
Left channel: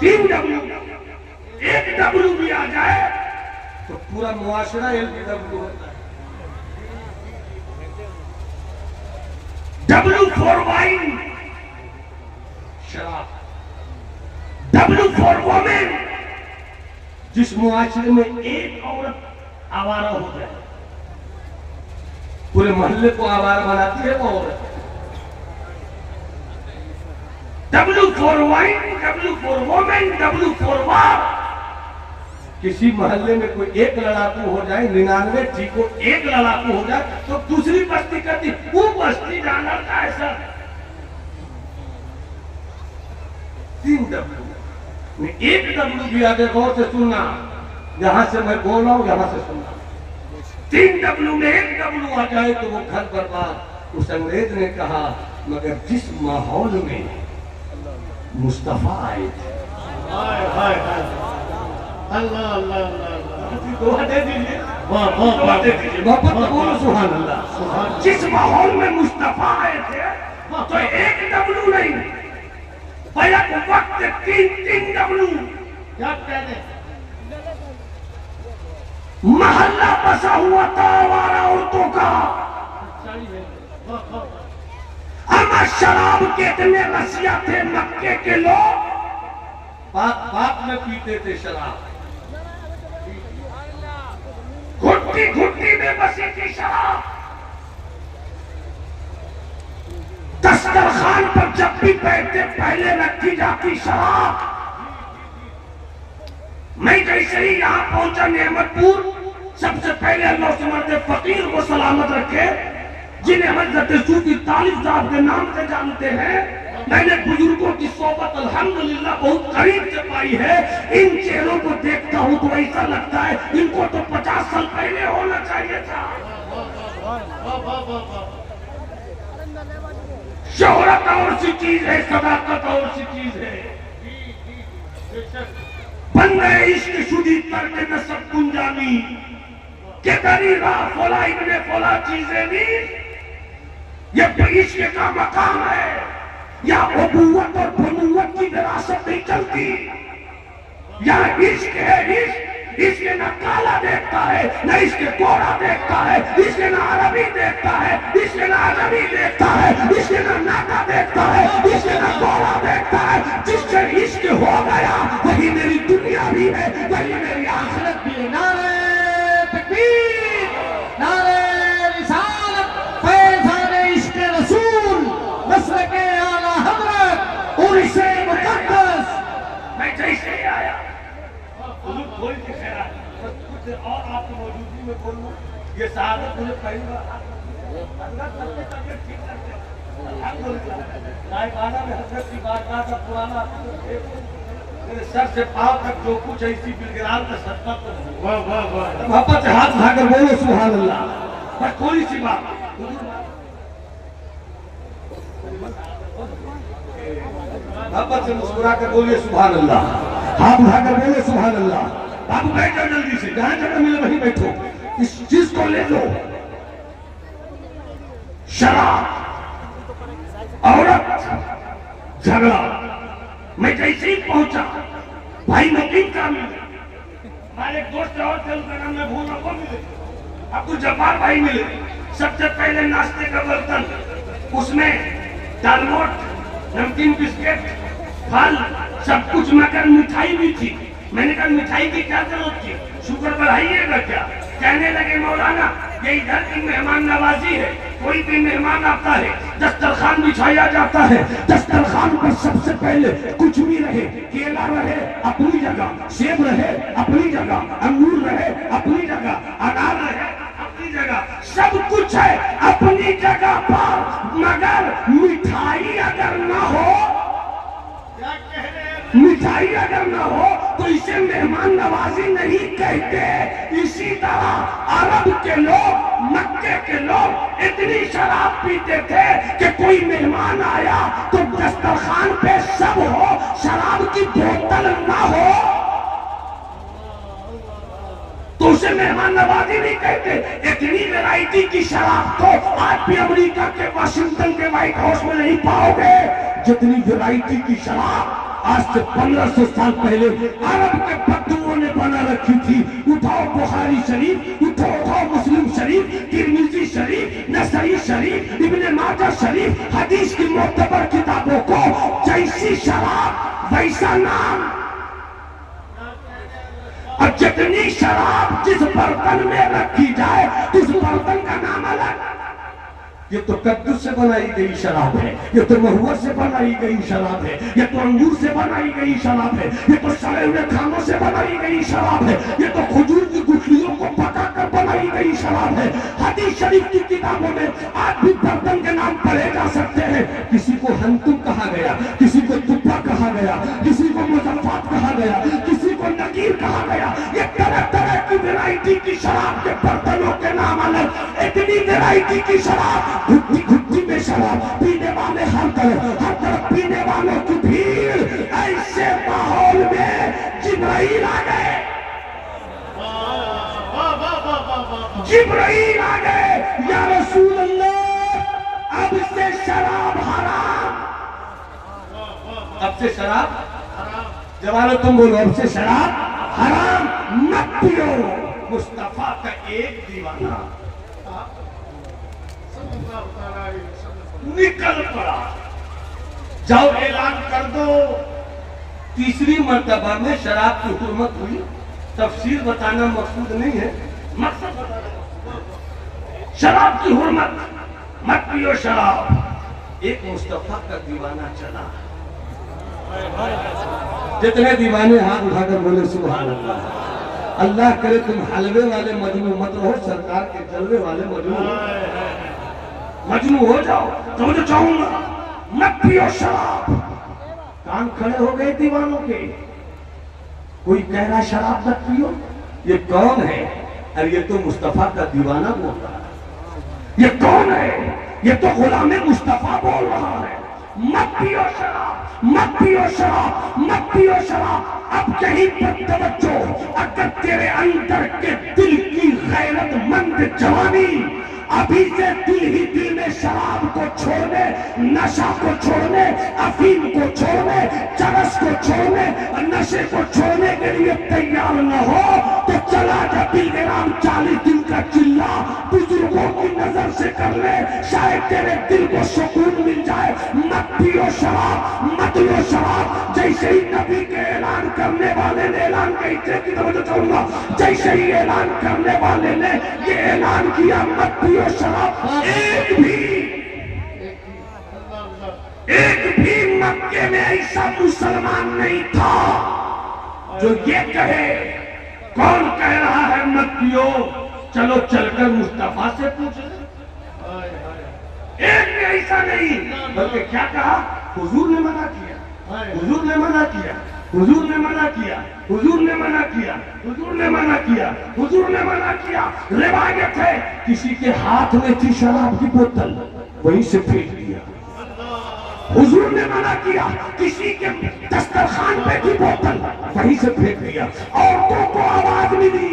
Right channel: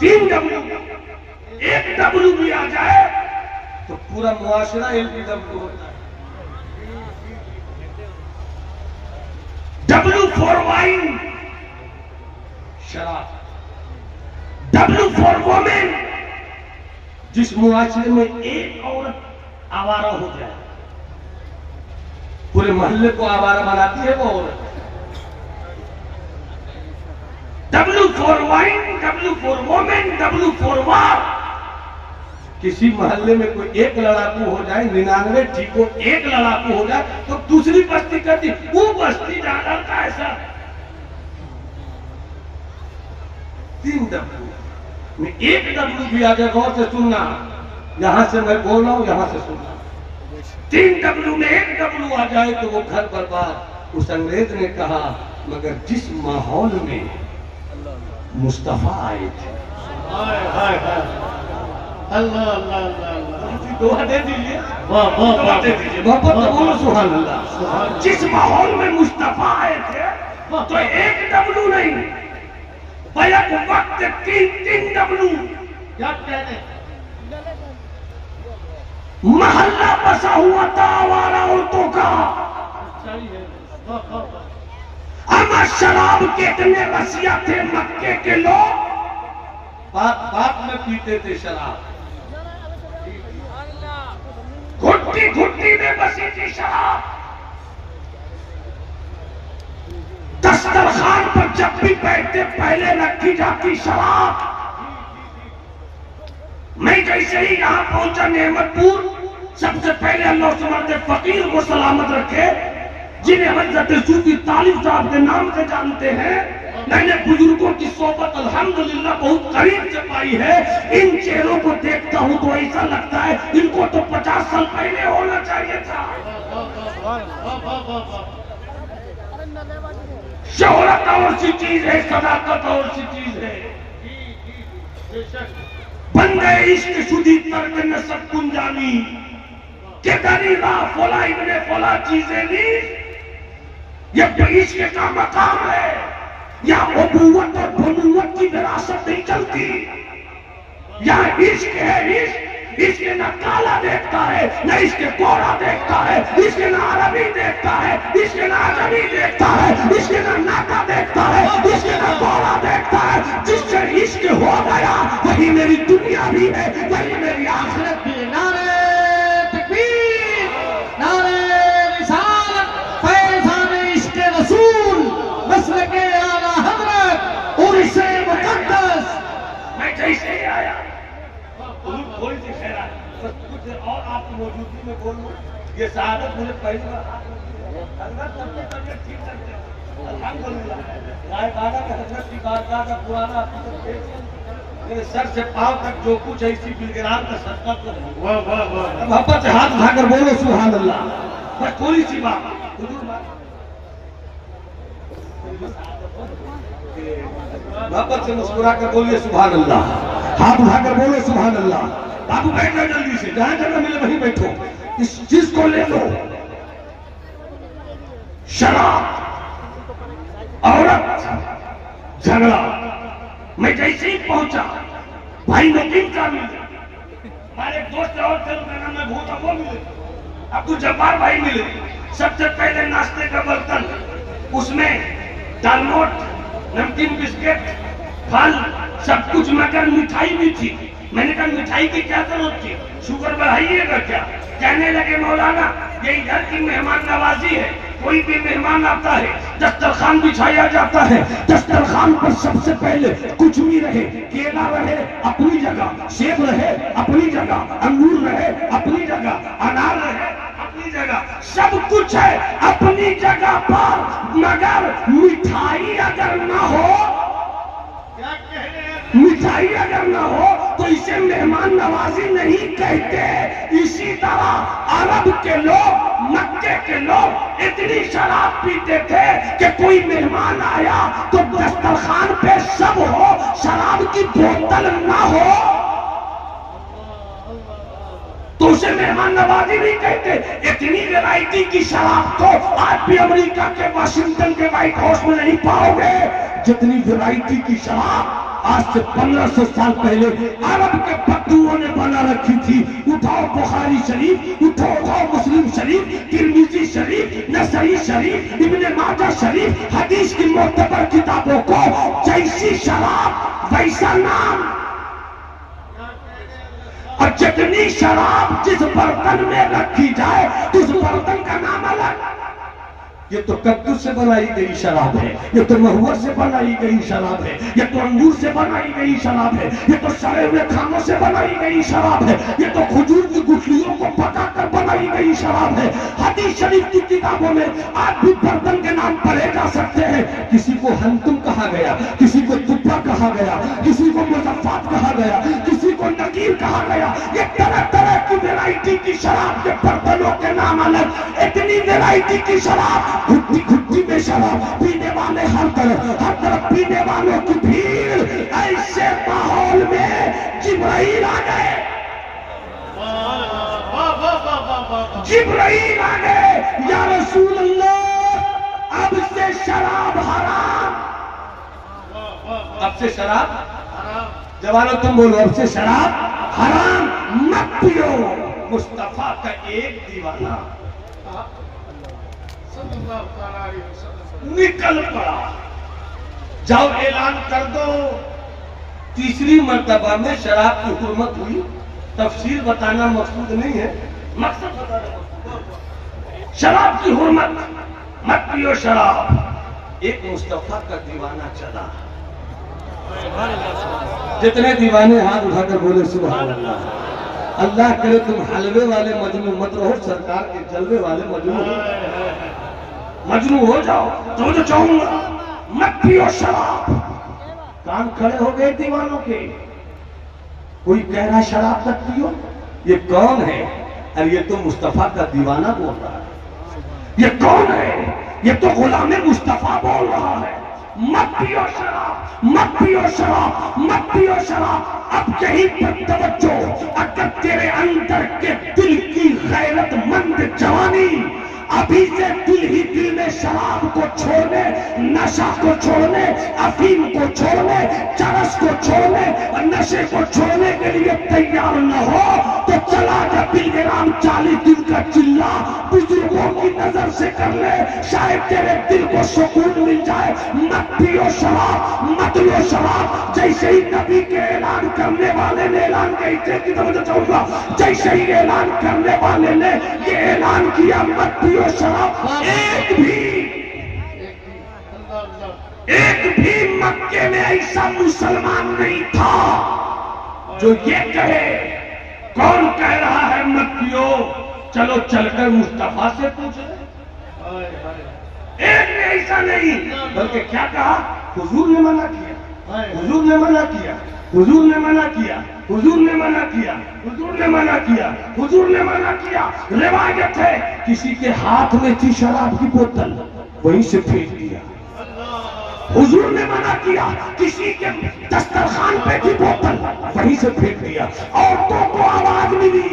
3 डब्लू 1 डब्लू भी आ जाए तो पूरा मुआशरा LBW होता है। डब्लू फॉर वाइन, शराब। डब्लू फॉर वोमेन, जिस मुआशरे में एक औरत आवारा हो जाए, पूरे मोहल्ले को आवारा बनाती है वो औरत। W for wine, W for women, W for वार। किसी मोहल्ले में कोई एक लड़ाकू हो जाए, 99 ठीक हो, एक लड़ाकू हो जाए तो दूसरी बस्ती करती, वो बस्ती जाना का ऐसा 3 डब्लू में 1 डब्लू भी आ जाए। गौर से सुनना, यहां से मैं बोल रहा हूं, यहां से सुनना। 3 डब्लू में 1 डब्लू आ जाए तो वो घर बर्बाद। उस अंग्रेज ने कहा मगर जिस माहौल में मुस्तफा आए थे, हाय हाय हाय, अल्लाह अल्लाह अल्लाह, दुआ दे दीजिए, वाह वाह दुआ वाह, दे दीजिए, मोहब्बत से बोलो सुभान अल्लाह। जिस माहौल में मुस्तफा आए थे तो 1 डब्लू नहीं, बैक वक्त 3 डब्लू। क्या कहते, महल्ला बसा हुआ था आवारा औरतों का। सही है, वाह वाह वाह। अमा शराब के इतने रसिया थे मक्के के लोग, बात बात में पीते थे शराब। घुट्टी घुट्टी में बसी थी शराब। दस्तरखान पर जब भी बैठते पहले रखी जाती शराब। मैं जैसे ही यहाँ पहुंचा नेमतपुर, सबसे पहले अल्लाह से मरते फकीर को सलामत रखे, जिन्हें हजरत सूफी तालिब साहब के नाम से जानते हैं। मैंने बुजुर्गों की सोबत अल्हम्दुलिल्लाह बहुत करीब से पाई है। इन चेहरों को देखता हूँ तो ऐसा लगता है इनको तो 50 साल पहले होना चाहिए था। शोहरत और सी चीज है, सदाकत और सी चीज है। बंदे इश्क शुदी पर के नसब कुंजानी के दरी राह फोला इबने फोला चीजें ली। ये इश्क का मकाम है, या अबूवत और बनुवत की विरासत नहीं चलती। यहाँ इश्क है, इश्क न काला देखता है, न इसके गोरा देखता है, इसके न अरबी देखता है, इसके न अजमी देखता है, इसके न नाका देखता है, इसके न गोरा देखता है। जिससे इश्क हो गया वही मेरी दुनिया भी है, वही मेरी आखिरत भी है। नारे तकबीर, नारे रिसालत, फैज़ान इश्क रसूल, मसलके आला हज़रत और इसे मुक़द्दस। मैं जैसे आया थोड़ी सी खैरात, कुछ और आपकी मौजूदगी में बोलूं, ये शहादत मुझे पहली बार अल्लाह सबकी तबीयत ठीक लगती है। अल्हम्दुलिल्लाह रायबाड़ा में हजरत की बारगाह का पुराना मेरे सर से पांव तक जो कुछ है इसी बिलगिराम का सदका तो है। वाह वाह वाह, मोहब्बत से हाथ उठाकर बोलो सुभान अल्लाह। बस थोड़ी सी बात, मोहब्बत से मुस्कुरा कर बोलिए सुभान अल्लाह। हाथ उठाकर बोलो सुभान अल्लाह। बाबू बैठ जाओ जल्दी से, जहां जगह मिले वहीं बैठो। इस चीज को ले लो, शराब, औरत, झगड़ा। मैं जैसे ही पहुंचा भाई नदीम का मिले, हमारे दोस्त और थे उनका नाम मैं भूल रहा, वो मिले, अब्दुल जब्बार भाई मिले। सबसे पहले नाश्ते का बर्तन, उसमें दाल नोट, नमकीन, बिस्किट, फल, सब कुछ, मगर मिठाई भी थी। मैंने कहा मिठाई की क्या जरूरत थी, शुगर बढ़ाइएगा क्या? कहने लगे मौलाना ये इधर की मेहमान नवाजी है, कोई भी मेहमान आता है दस्तरखान बिछाया जाता है, दस्तरखान पर सबसे पहले कुछ भी रहे, केला रहे अपनी जगह, सेब रहे अपनी जगह, अंगूर रहे अपनी जगह, अनार रहे अपनी जगह, सब कुछ है अपनी जगह पर, मगर मिठाई अगर न हो ईसाई अगर ना हो तो इसे मेहमान नवाजी नहीं कहते। इसी तरह अरब के लोग, मक्के के लोग इतनी शराब पीते थे कि कोई मेहमान आया तो दस्तरखान पे सब हो, शराब की बोतल ना हो तो उसे मेहमान नवाजी नहीं कहते। इतनी वैरायटी की शराब तो आज भी अमेरिका के वाशिंगटन के व्हाइट हाउस में नहीं पाओगे, जितनी वैरायटी की शराब आज से 1500 साल पहले अरब के बद्दुओं ने बना रखी थी। उठाओ बुखारी शरीफ, उठाओ मुस्लिम शरीफ, तिरमिजी शरीफ, नसई शरीफ, इब्ने माजा शरीफ, हदीस की मोतबर किताबों को, जैसी शराब वैसा नाम, और जितनी शराब जिस बर्तन में रखी जाए उस बर्तन का नाम अलग। ये तो कद्दू से बनाई गई शराब है, ये तो महुआ से बनाई गई शराब है, ये तो अंगूर से बनाई गई शराब है, ये तो सड़े हुए खानों से बनाई गई शराब है, ये तो खजूर की गुठलियों को पकाकर बनाई गई शराब है। हदीस शरीफ की किताबों में आज भी बर्तन के नाम पढ़े जा सकते हैं। किसी को हंतुम कहा गया, किसी को तुप्पा कहा गया, किसी को मुजफ्फात कहा गया, किसी को नकीर कहा गया। ये तरह तरह की वैरायटी की शराब के बर्तनों के नाम अलग। इतनी वैरायटी की शराब, घुट्टी घुट्टी में शराब, पीने वाले हर तरफ पीने वालों की भीड़। ऐसे माहौल में जिब्राइल आ गए, जिब्राइल आ गए, या रसूल अल्लाह अब से शराब हराम, अब से शराब, जवानों तुम बोलो अब से शराब हराम मत पियो। मुस्तफा का एक दीवाना निकल पड़ा, जाओ ऐलान कर दो। तीसरी मर्तबा में शराब की हुर्मत हुई। तफसीर बताना मकसूद नहीं है, मकसद बताना। शराब की हुर्मत, मत पियो शराब। एक मुस्तफा का दीवाना चला, जितने दीवाने हाथ उठाकर बोले सुभान अल्लाह। अल्लाह करे तुम हलवे वाले मजनू मत रहो, सरकार के जलवे वाले मजनू हो जाओ। तो जो चाहूंगा मत पियो शराब। कान खड़े हो गए दीवानों के। कोई कह रहा शराब मत पियो, ये कौन है? अरे ये तो मुस्तफा का दीवाना बोल रहा है। ये कौन है? ये तो गुलाम मुस्तफा बोल रहा है। मत पियो शराब, मत पियो शराब, मत पियो शराब। अब यही पर तवज्जो। अगर तेरे अंदर के दिल की गैरतमंद जवानी अभी से दिल ही दिल में शराब को छोड़ने, नशा को छोड़ने, अफीम को छोड़ने, चरस को छोड़ने और नशे को छोड़ने के लिए तैयार न हो तो चला जा बिलग्राम 40 दिन का चिल्ला बुजुर्गों की नजर से कर ले, शायद तेरे दिल को सुकून मिल जाए। मत पियो शराब, मत लो शराब। जैसे ही नबी के ऐलान करने वाले ने ऐलान कहूंगा, जैसे ही ऐलान करने वाले ने ये ऐलान किया मत पियो शराब, एक भी मक्के में ऐसा मुसलमान नहीं था जो ये कहे। कौन कह रहा है मत पियो? चलो चलकर मुस्तफा से पूछे। एक ने ऐसा नहीं, बल्कि क्या कहा? हुजूर ने मना किया, हुजूर ने मना किया, हुजूर ने मना किया, हुजूर ने मना किया, हुजूर ने मना किया, हुजूर ने मना किया। रिवायत है किसी के हाथ में थी शराब की बोतल, वहीं से फेंक दिया। हुजूर ने मना किया। किसी के दस्तरखान पे थी बोतल, वहीं से फेंक दिया। औरतों को आवाज मिली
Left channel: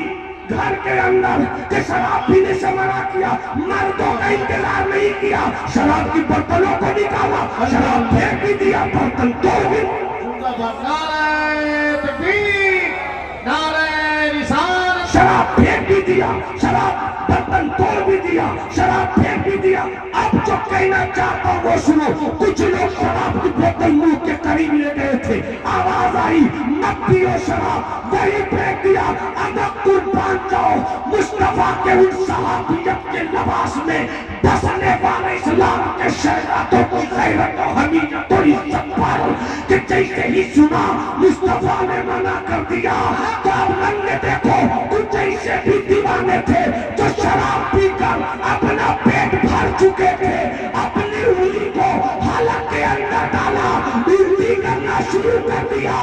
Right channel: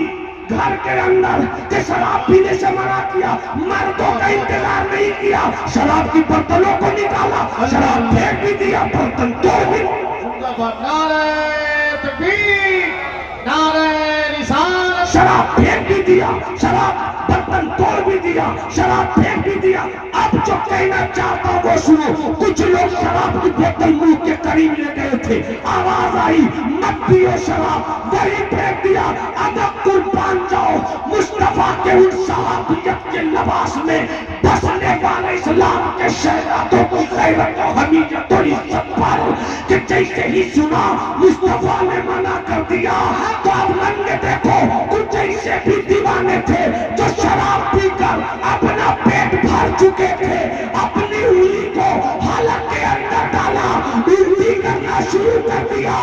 घर के अंदर कि शराब पीने से मना किया। मर्दों का इंतजार नहीं किया, शराब की बोतलों को निकाला, शराब फेंक भी दिया, बर्तन तोड़ भी। शराब फेंक भी दिया, शराब बर्तन तोड़ भी दिया, शराब फेंक भी दिया। अब जो कहना चाहता हूँ वो सुनो। कुछ लोग शराब की बोतल मुंह के करीब ले गए थे, आवाज आई मत पियो शराब, वही फेंक दिया। अदब कुर्बान जाओ मुस्तफा के उन सहाबियत के लिबास में बसने वाले इस्लाम के शहजादों की गैरत और हमीयत और इज्जत पर कि जैसे ही सुना मुस्तफा ने मना कर दिया तो अब नंगे देखो कुछ जैसे भी दीवाने थे जो शराब पीकर अपना पेट भर चुके थे, अपनी उंगली को हालत के अंदर डाला, उल्टी करना शुरू कर दिया।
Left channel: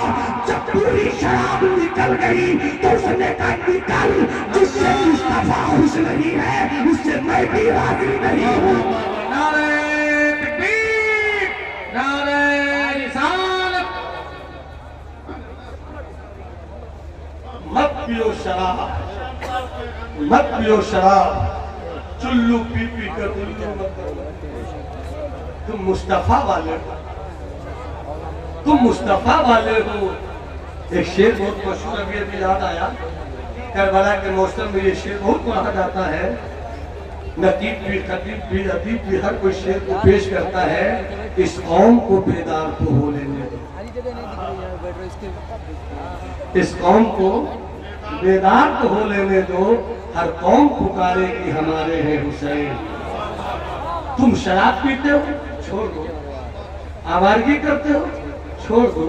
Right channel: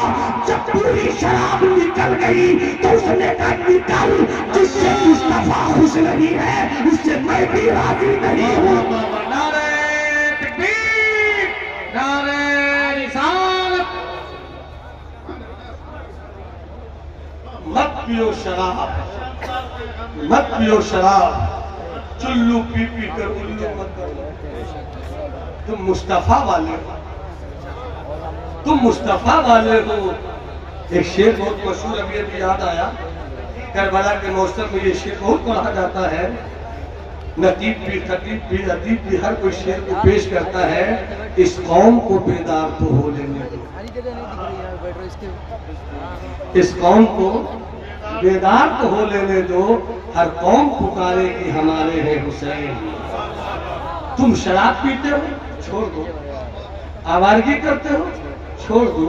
जब पूरी शराब निकल गई तो उसने कहा निकल, जिससे मुस्तफा खुश नहीं है उससे मैं भी राजी नहीं हूँ। नारे तकबीर, नारे रिसालत। मत पियो शराब, मत पियो शराब, चुल्लू पी पी कर उल्लू मत करो। तुम मुस्तफा वाले हो, तुम मुस्तफा वाले हो। एक शेर बहुत मशहूर अभी याद आया, करबला के मौसम में ये शेर बहुत पढ़ा जाता है। नतीब भी, खतीब भी, अदीब भी हर कोई शेर को पेश करता है। इस कौम को बेदार तो हो लेने दो, इस कौम को बेदार तो हो लेने दो, हर कौम पुकारे कि हमारे हैं हुसैन। तुम शराब पीते हो, छोड़ दो। आवारगी करते हो, छोड़ दो।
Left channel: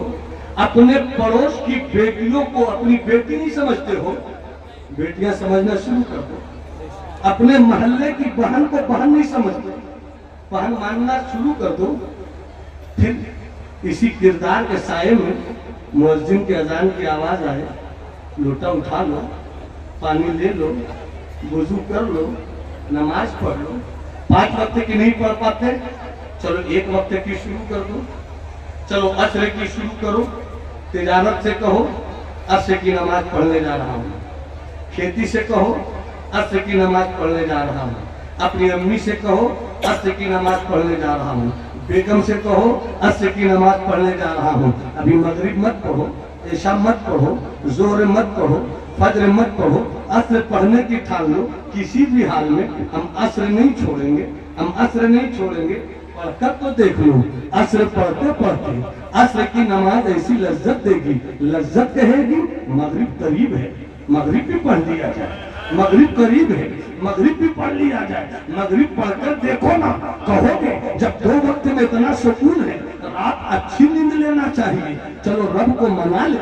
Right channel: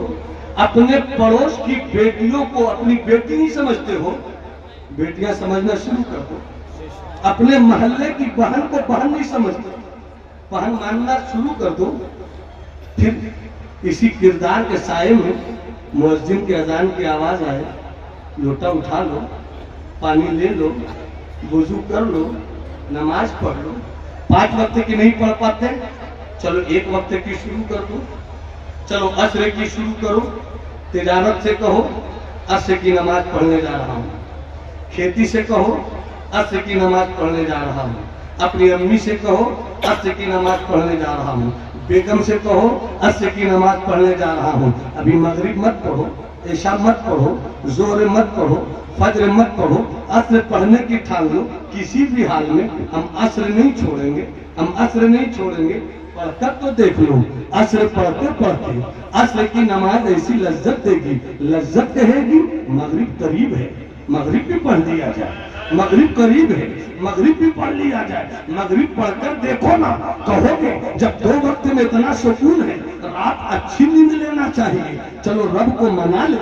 अपने पड़ोस की बेटियों को अपनी बेटी नहीं समझते हो, बेटियां समझना शुरू कर दो। अपने मोहल्ले की बहन को बहन नहीं समझते, बहन मानना शुरू कर दो। फिर इसी किरदार के साये में मुअज्जिन के अजान की आवाज आए, लोटा उठा लो, पानी ले लो, वुजू कर लो, नमाज पढ़ लो। 5 वक्त की नहीं पढ़ पाते, चलो 1 वक्त की शुरू कर दो। चलो असर की शुरू करो, तिजारत से कहो असर की नमाज पढ़ने जा रहा हूँ। खेती से कहो असर की नमाज पढ़ने जा रहा हूँ। अपनी अम्मी से कहो असर की नमाज पढ़ने जा रहा हूँ। बेगम से कहो असर की नमाज पढ़ने जा रहा हूँ। अभी मगरिब मत पढ़ो, ऐशा मत पढ़ो, जोर मत पढ़ो, फज्र मत पढ़ो, असर पढ़ने की ठान लो। किसी भी हाल में हम असर नहीं छोड़ेंगे, हम असर नहीं छोड़ेंगे। पढ़कर तो देख लो, असर पढ़ते पढ़ते असर की नमाज ऐसी लज्जत देगी, लज्जत कहेगी मगरिब करीब है, मगरिब भी पढ़ लिया जाए, मगरिब करीब है, मगरिब भी पढ़ लिया जाए। मगरिब पढ़कर देखो ना, कहोगे जब 2 वक्त में इतना सुकून है, रात अच्छी नींद लेना चाहिए। चलो रब को मना ले,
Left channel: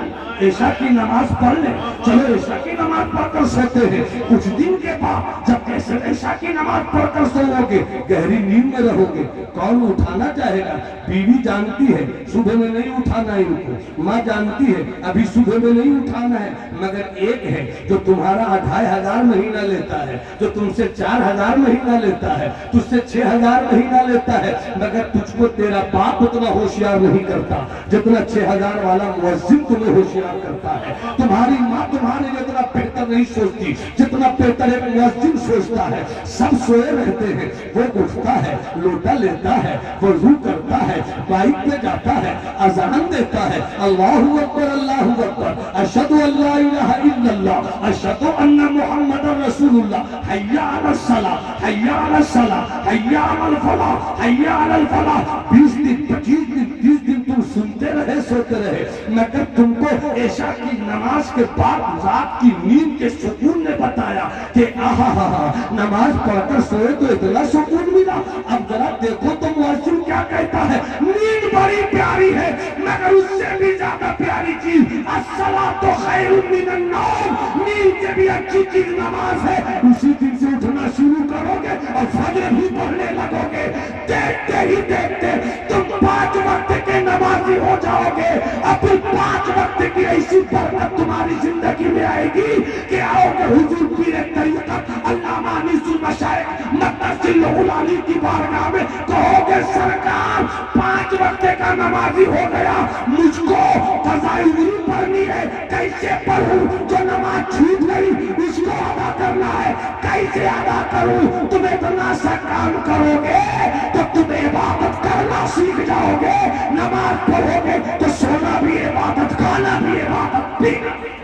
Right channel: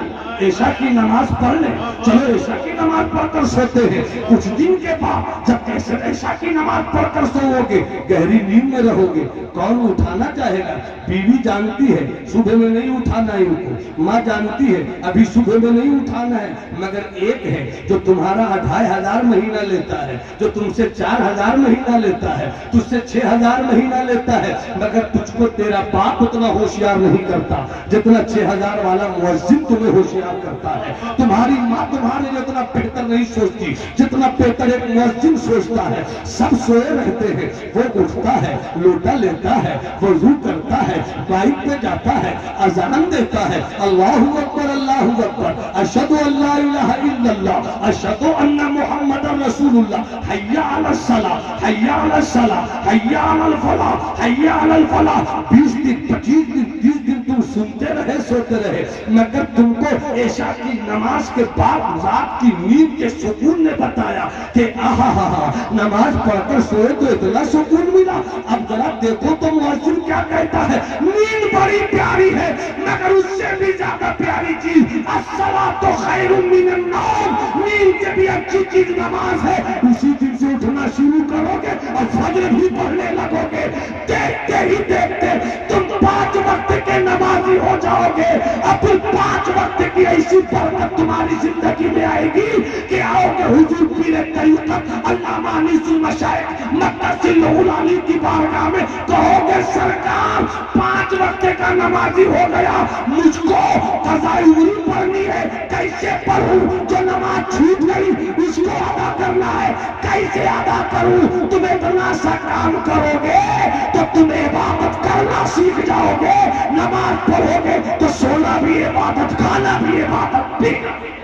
ऐशा की नमाज पढ़ ले। चलो ऐशा की नमाज पढ़कर सोते हैं, कुछ दिन के बाद जब कैसे ऐशा की नमाज पढ़कर सोओगे, गहरी नींद में रहोगे, कौन उठाना चाहेगा? बीवी जानती है सुबह में नहीं उठाना है इनको, माँ जानती है अभी सुबह में नहीं उठाना है। मगर एक है जो तुम्हारा 2500 महीना लेता है, जो तुमसे 4000 महीना लेता है, तुझसे 6000 महीना लेता है, मगर तुझको तेरा बाप उतना होशियार नहीं करता जितना 6000 वाला मुअज्जिन तुम्हें होशियार करता है। तुम्हारी माँ तुम्हारे लिए इतना बेहतर नहीं सोचती जितना बेहतर एक मुअज्जिन सोचता है। सब सोए रहते हैं, वो उठता है, लोटा लेता है, वजू करता है, बाइक पे जाता है, अजान देता है, अल्लाहु अकबर अल्लाहु अकबर, अशहदु अल्ला इलाहा इल्लल्लाह, अशहदु अन्ना मुहम्मदर रसूलुल्लाह, हय्या अलस सलाह, हय्या अलस सलाह, हय्या अलल फलाह, हय्या अलल फलाह। 20 दिन 25 दिन 30 दिन तुम सुनते रहे, सोते रहे, मगर तुमको ऐशा की नमाज के बाद रात की नींद के सुकून ने बताया कि आहा नमाज पढ़कर सोए तो इतना सुकून मिला। अब जरा देखो तो मुअज्जिन क्या कहता है, नींद बड़ी प्यारी है मगर उससे भी ज्यादा प्यारी चीज अस्सलातु खैरुम मिनन नौम, नींद से भी अच्छी चीज नमाज है। उसी दिन से उठना शुरू करोगे और फजर भी पढ़ने लगोगे, देखते ही देखते तुम 5 वक्त के नमाजी हो जाओगे। और फिर 5 वक्त की ऐसी बरकत तुम्हारी जिंदगी में आएगी कि आओगे हुजूर पीर तरीक़त अल्लामा अनीसुल मशाइख मक्तसिल गुलानी की बारगाह में, कहोगे सरकार 5 वक्त का नमाजी हो गया, मुझको क़ज़ाए उम्र पढ़नी है, कैसे पढ़ूं? जो नमाज छूट गई उसको अदा करना है, कैसे अदा करूं? तुम इतना सा काम करोगे तो तुम इबादत करना सीख जाओगे। नमाज पढ़ोगे तो सोना भी इबादत, खाना भी इबादत, पीना भी।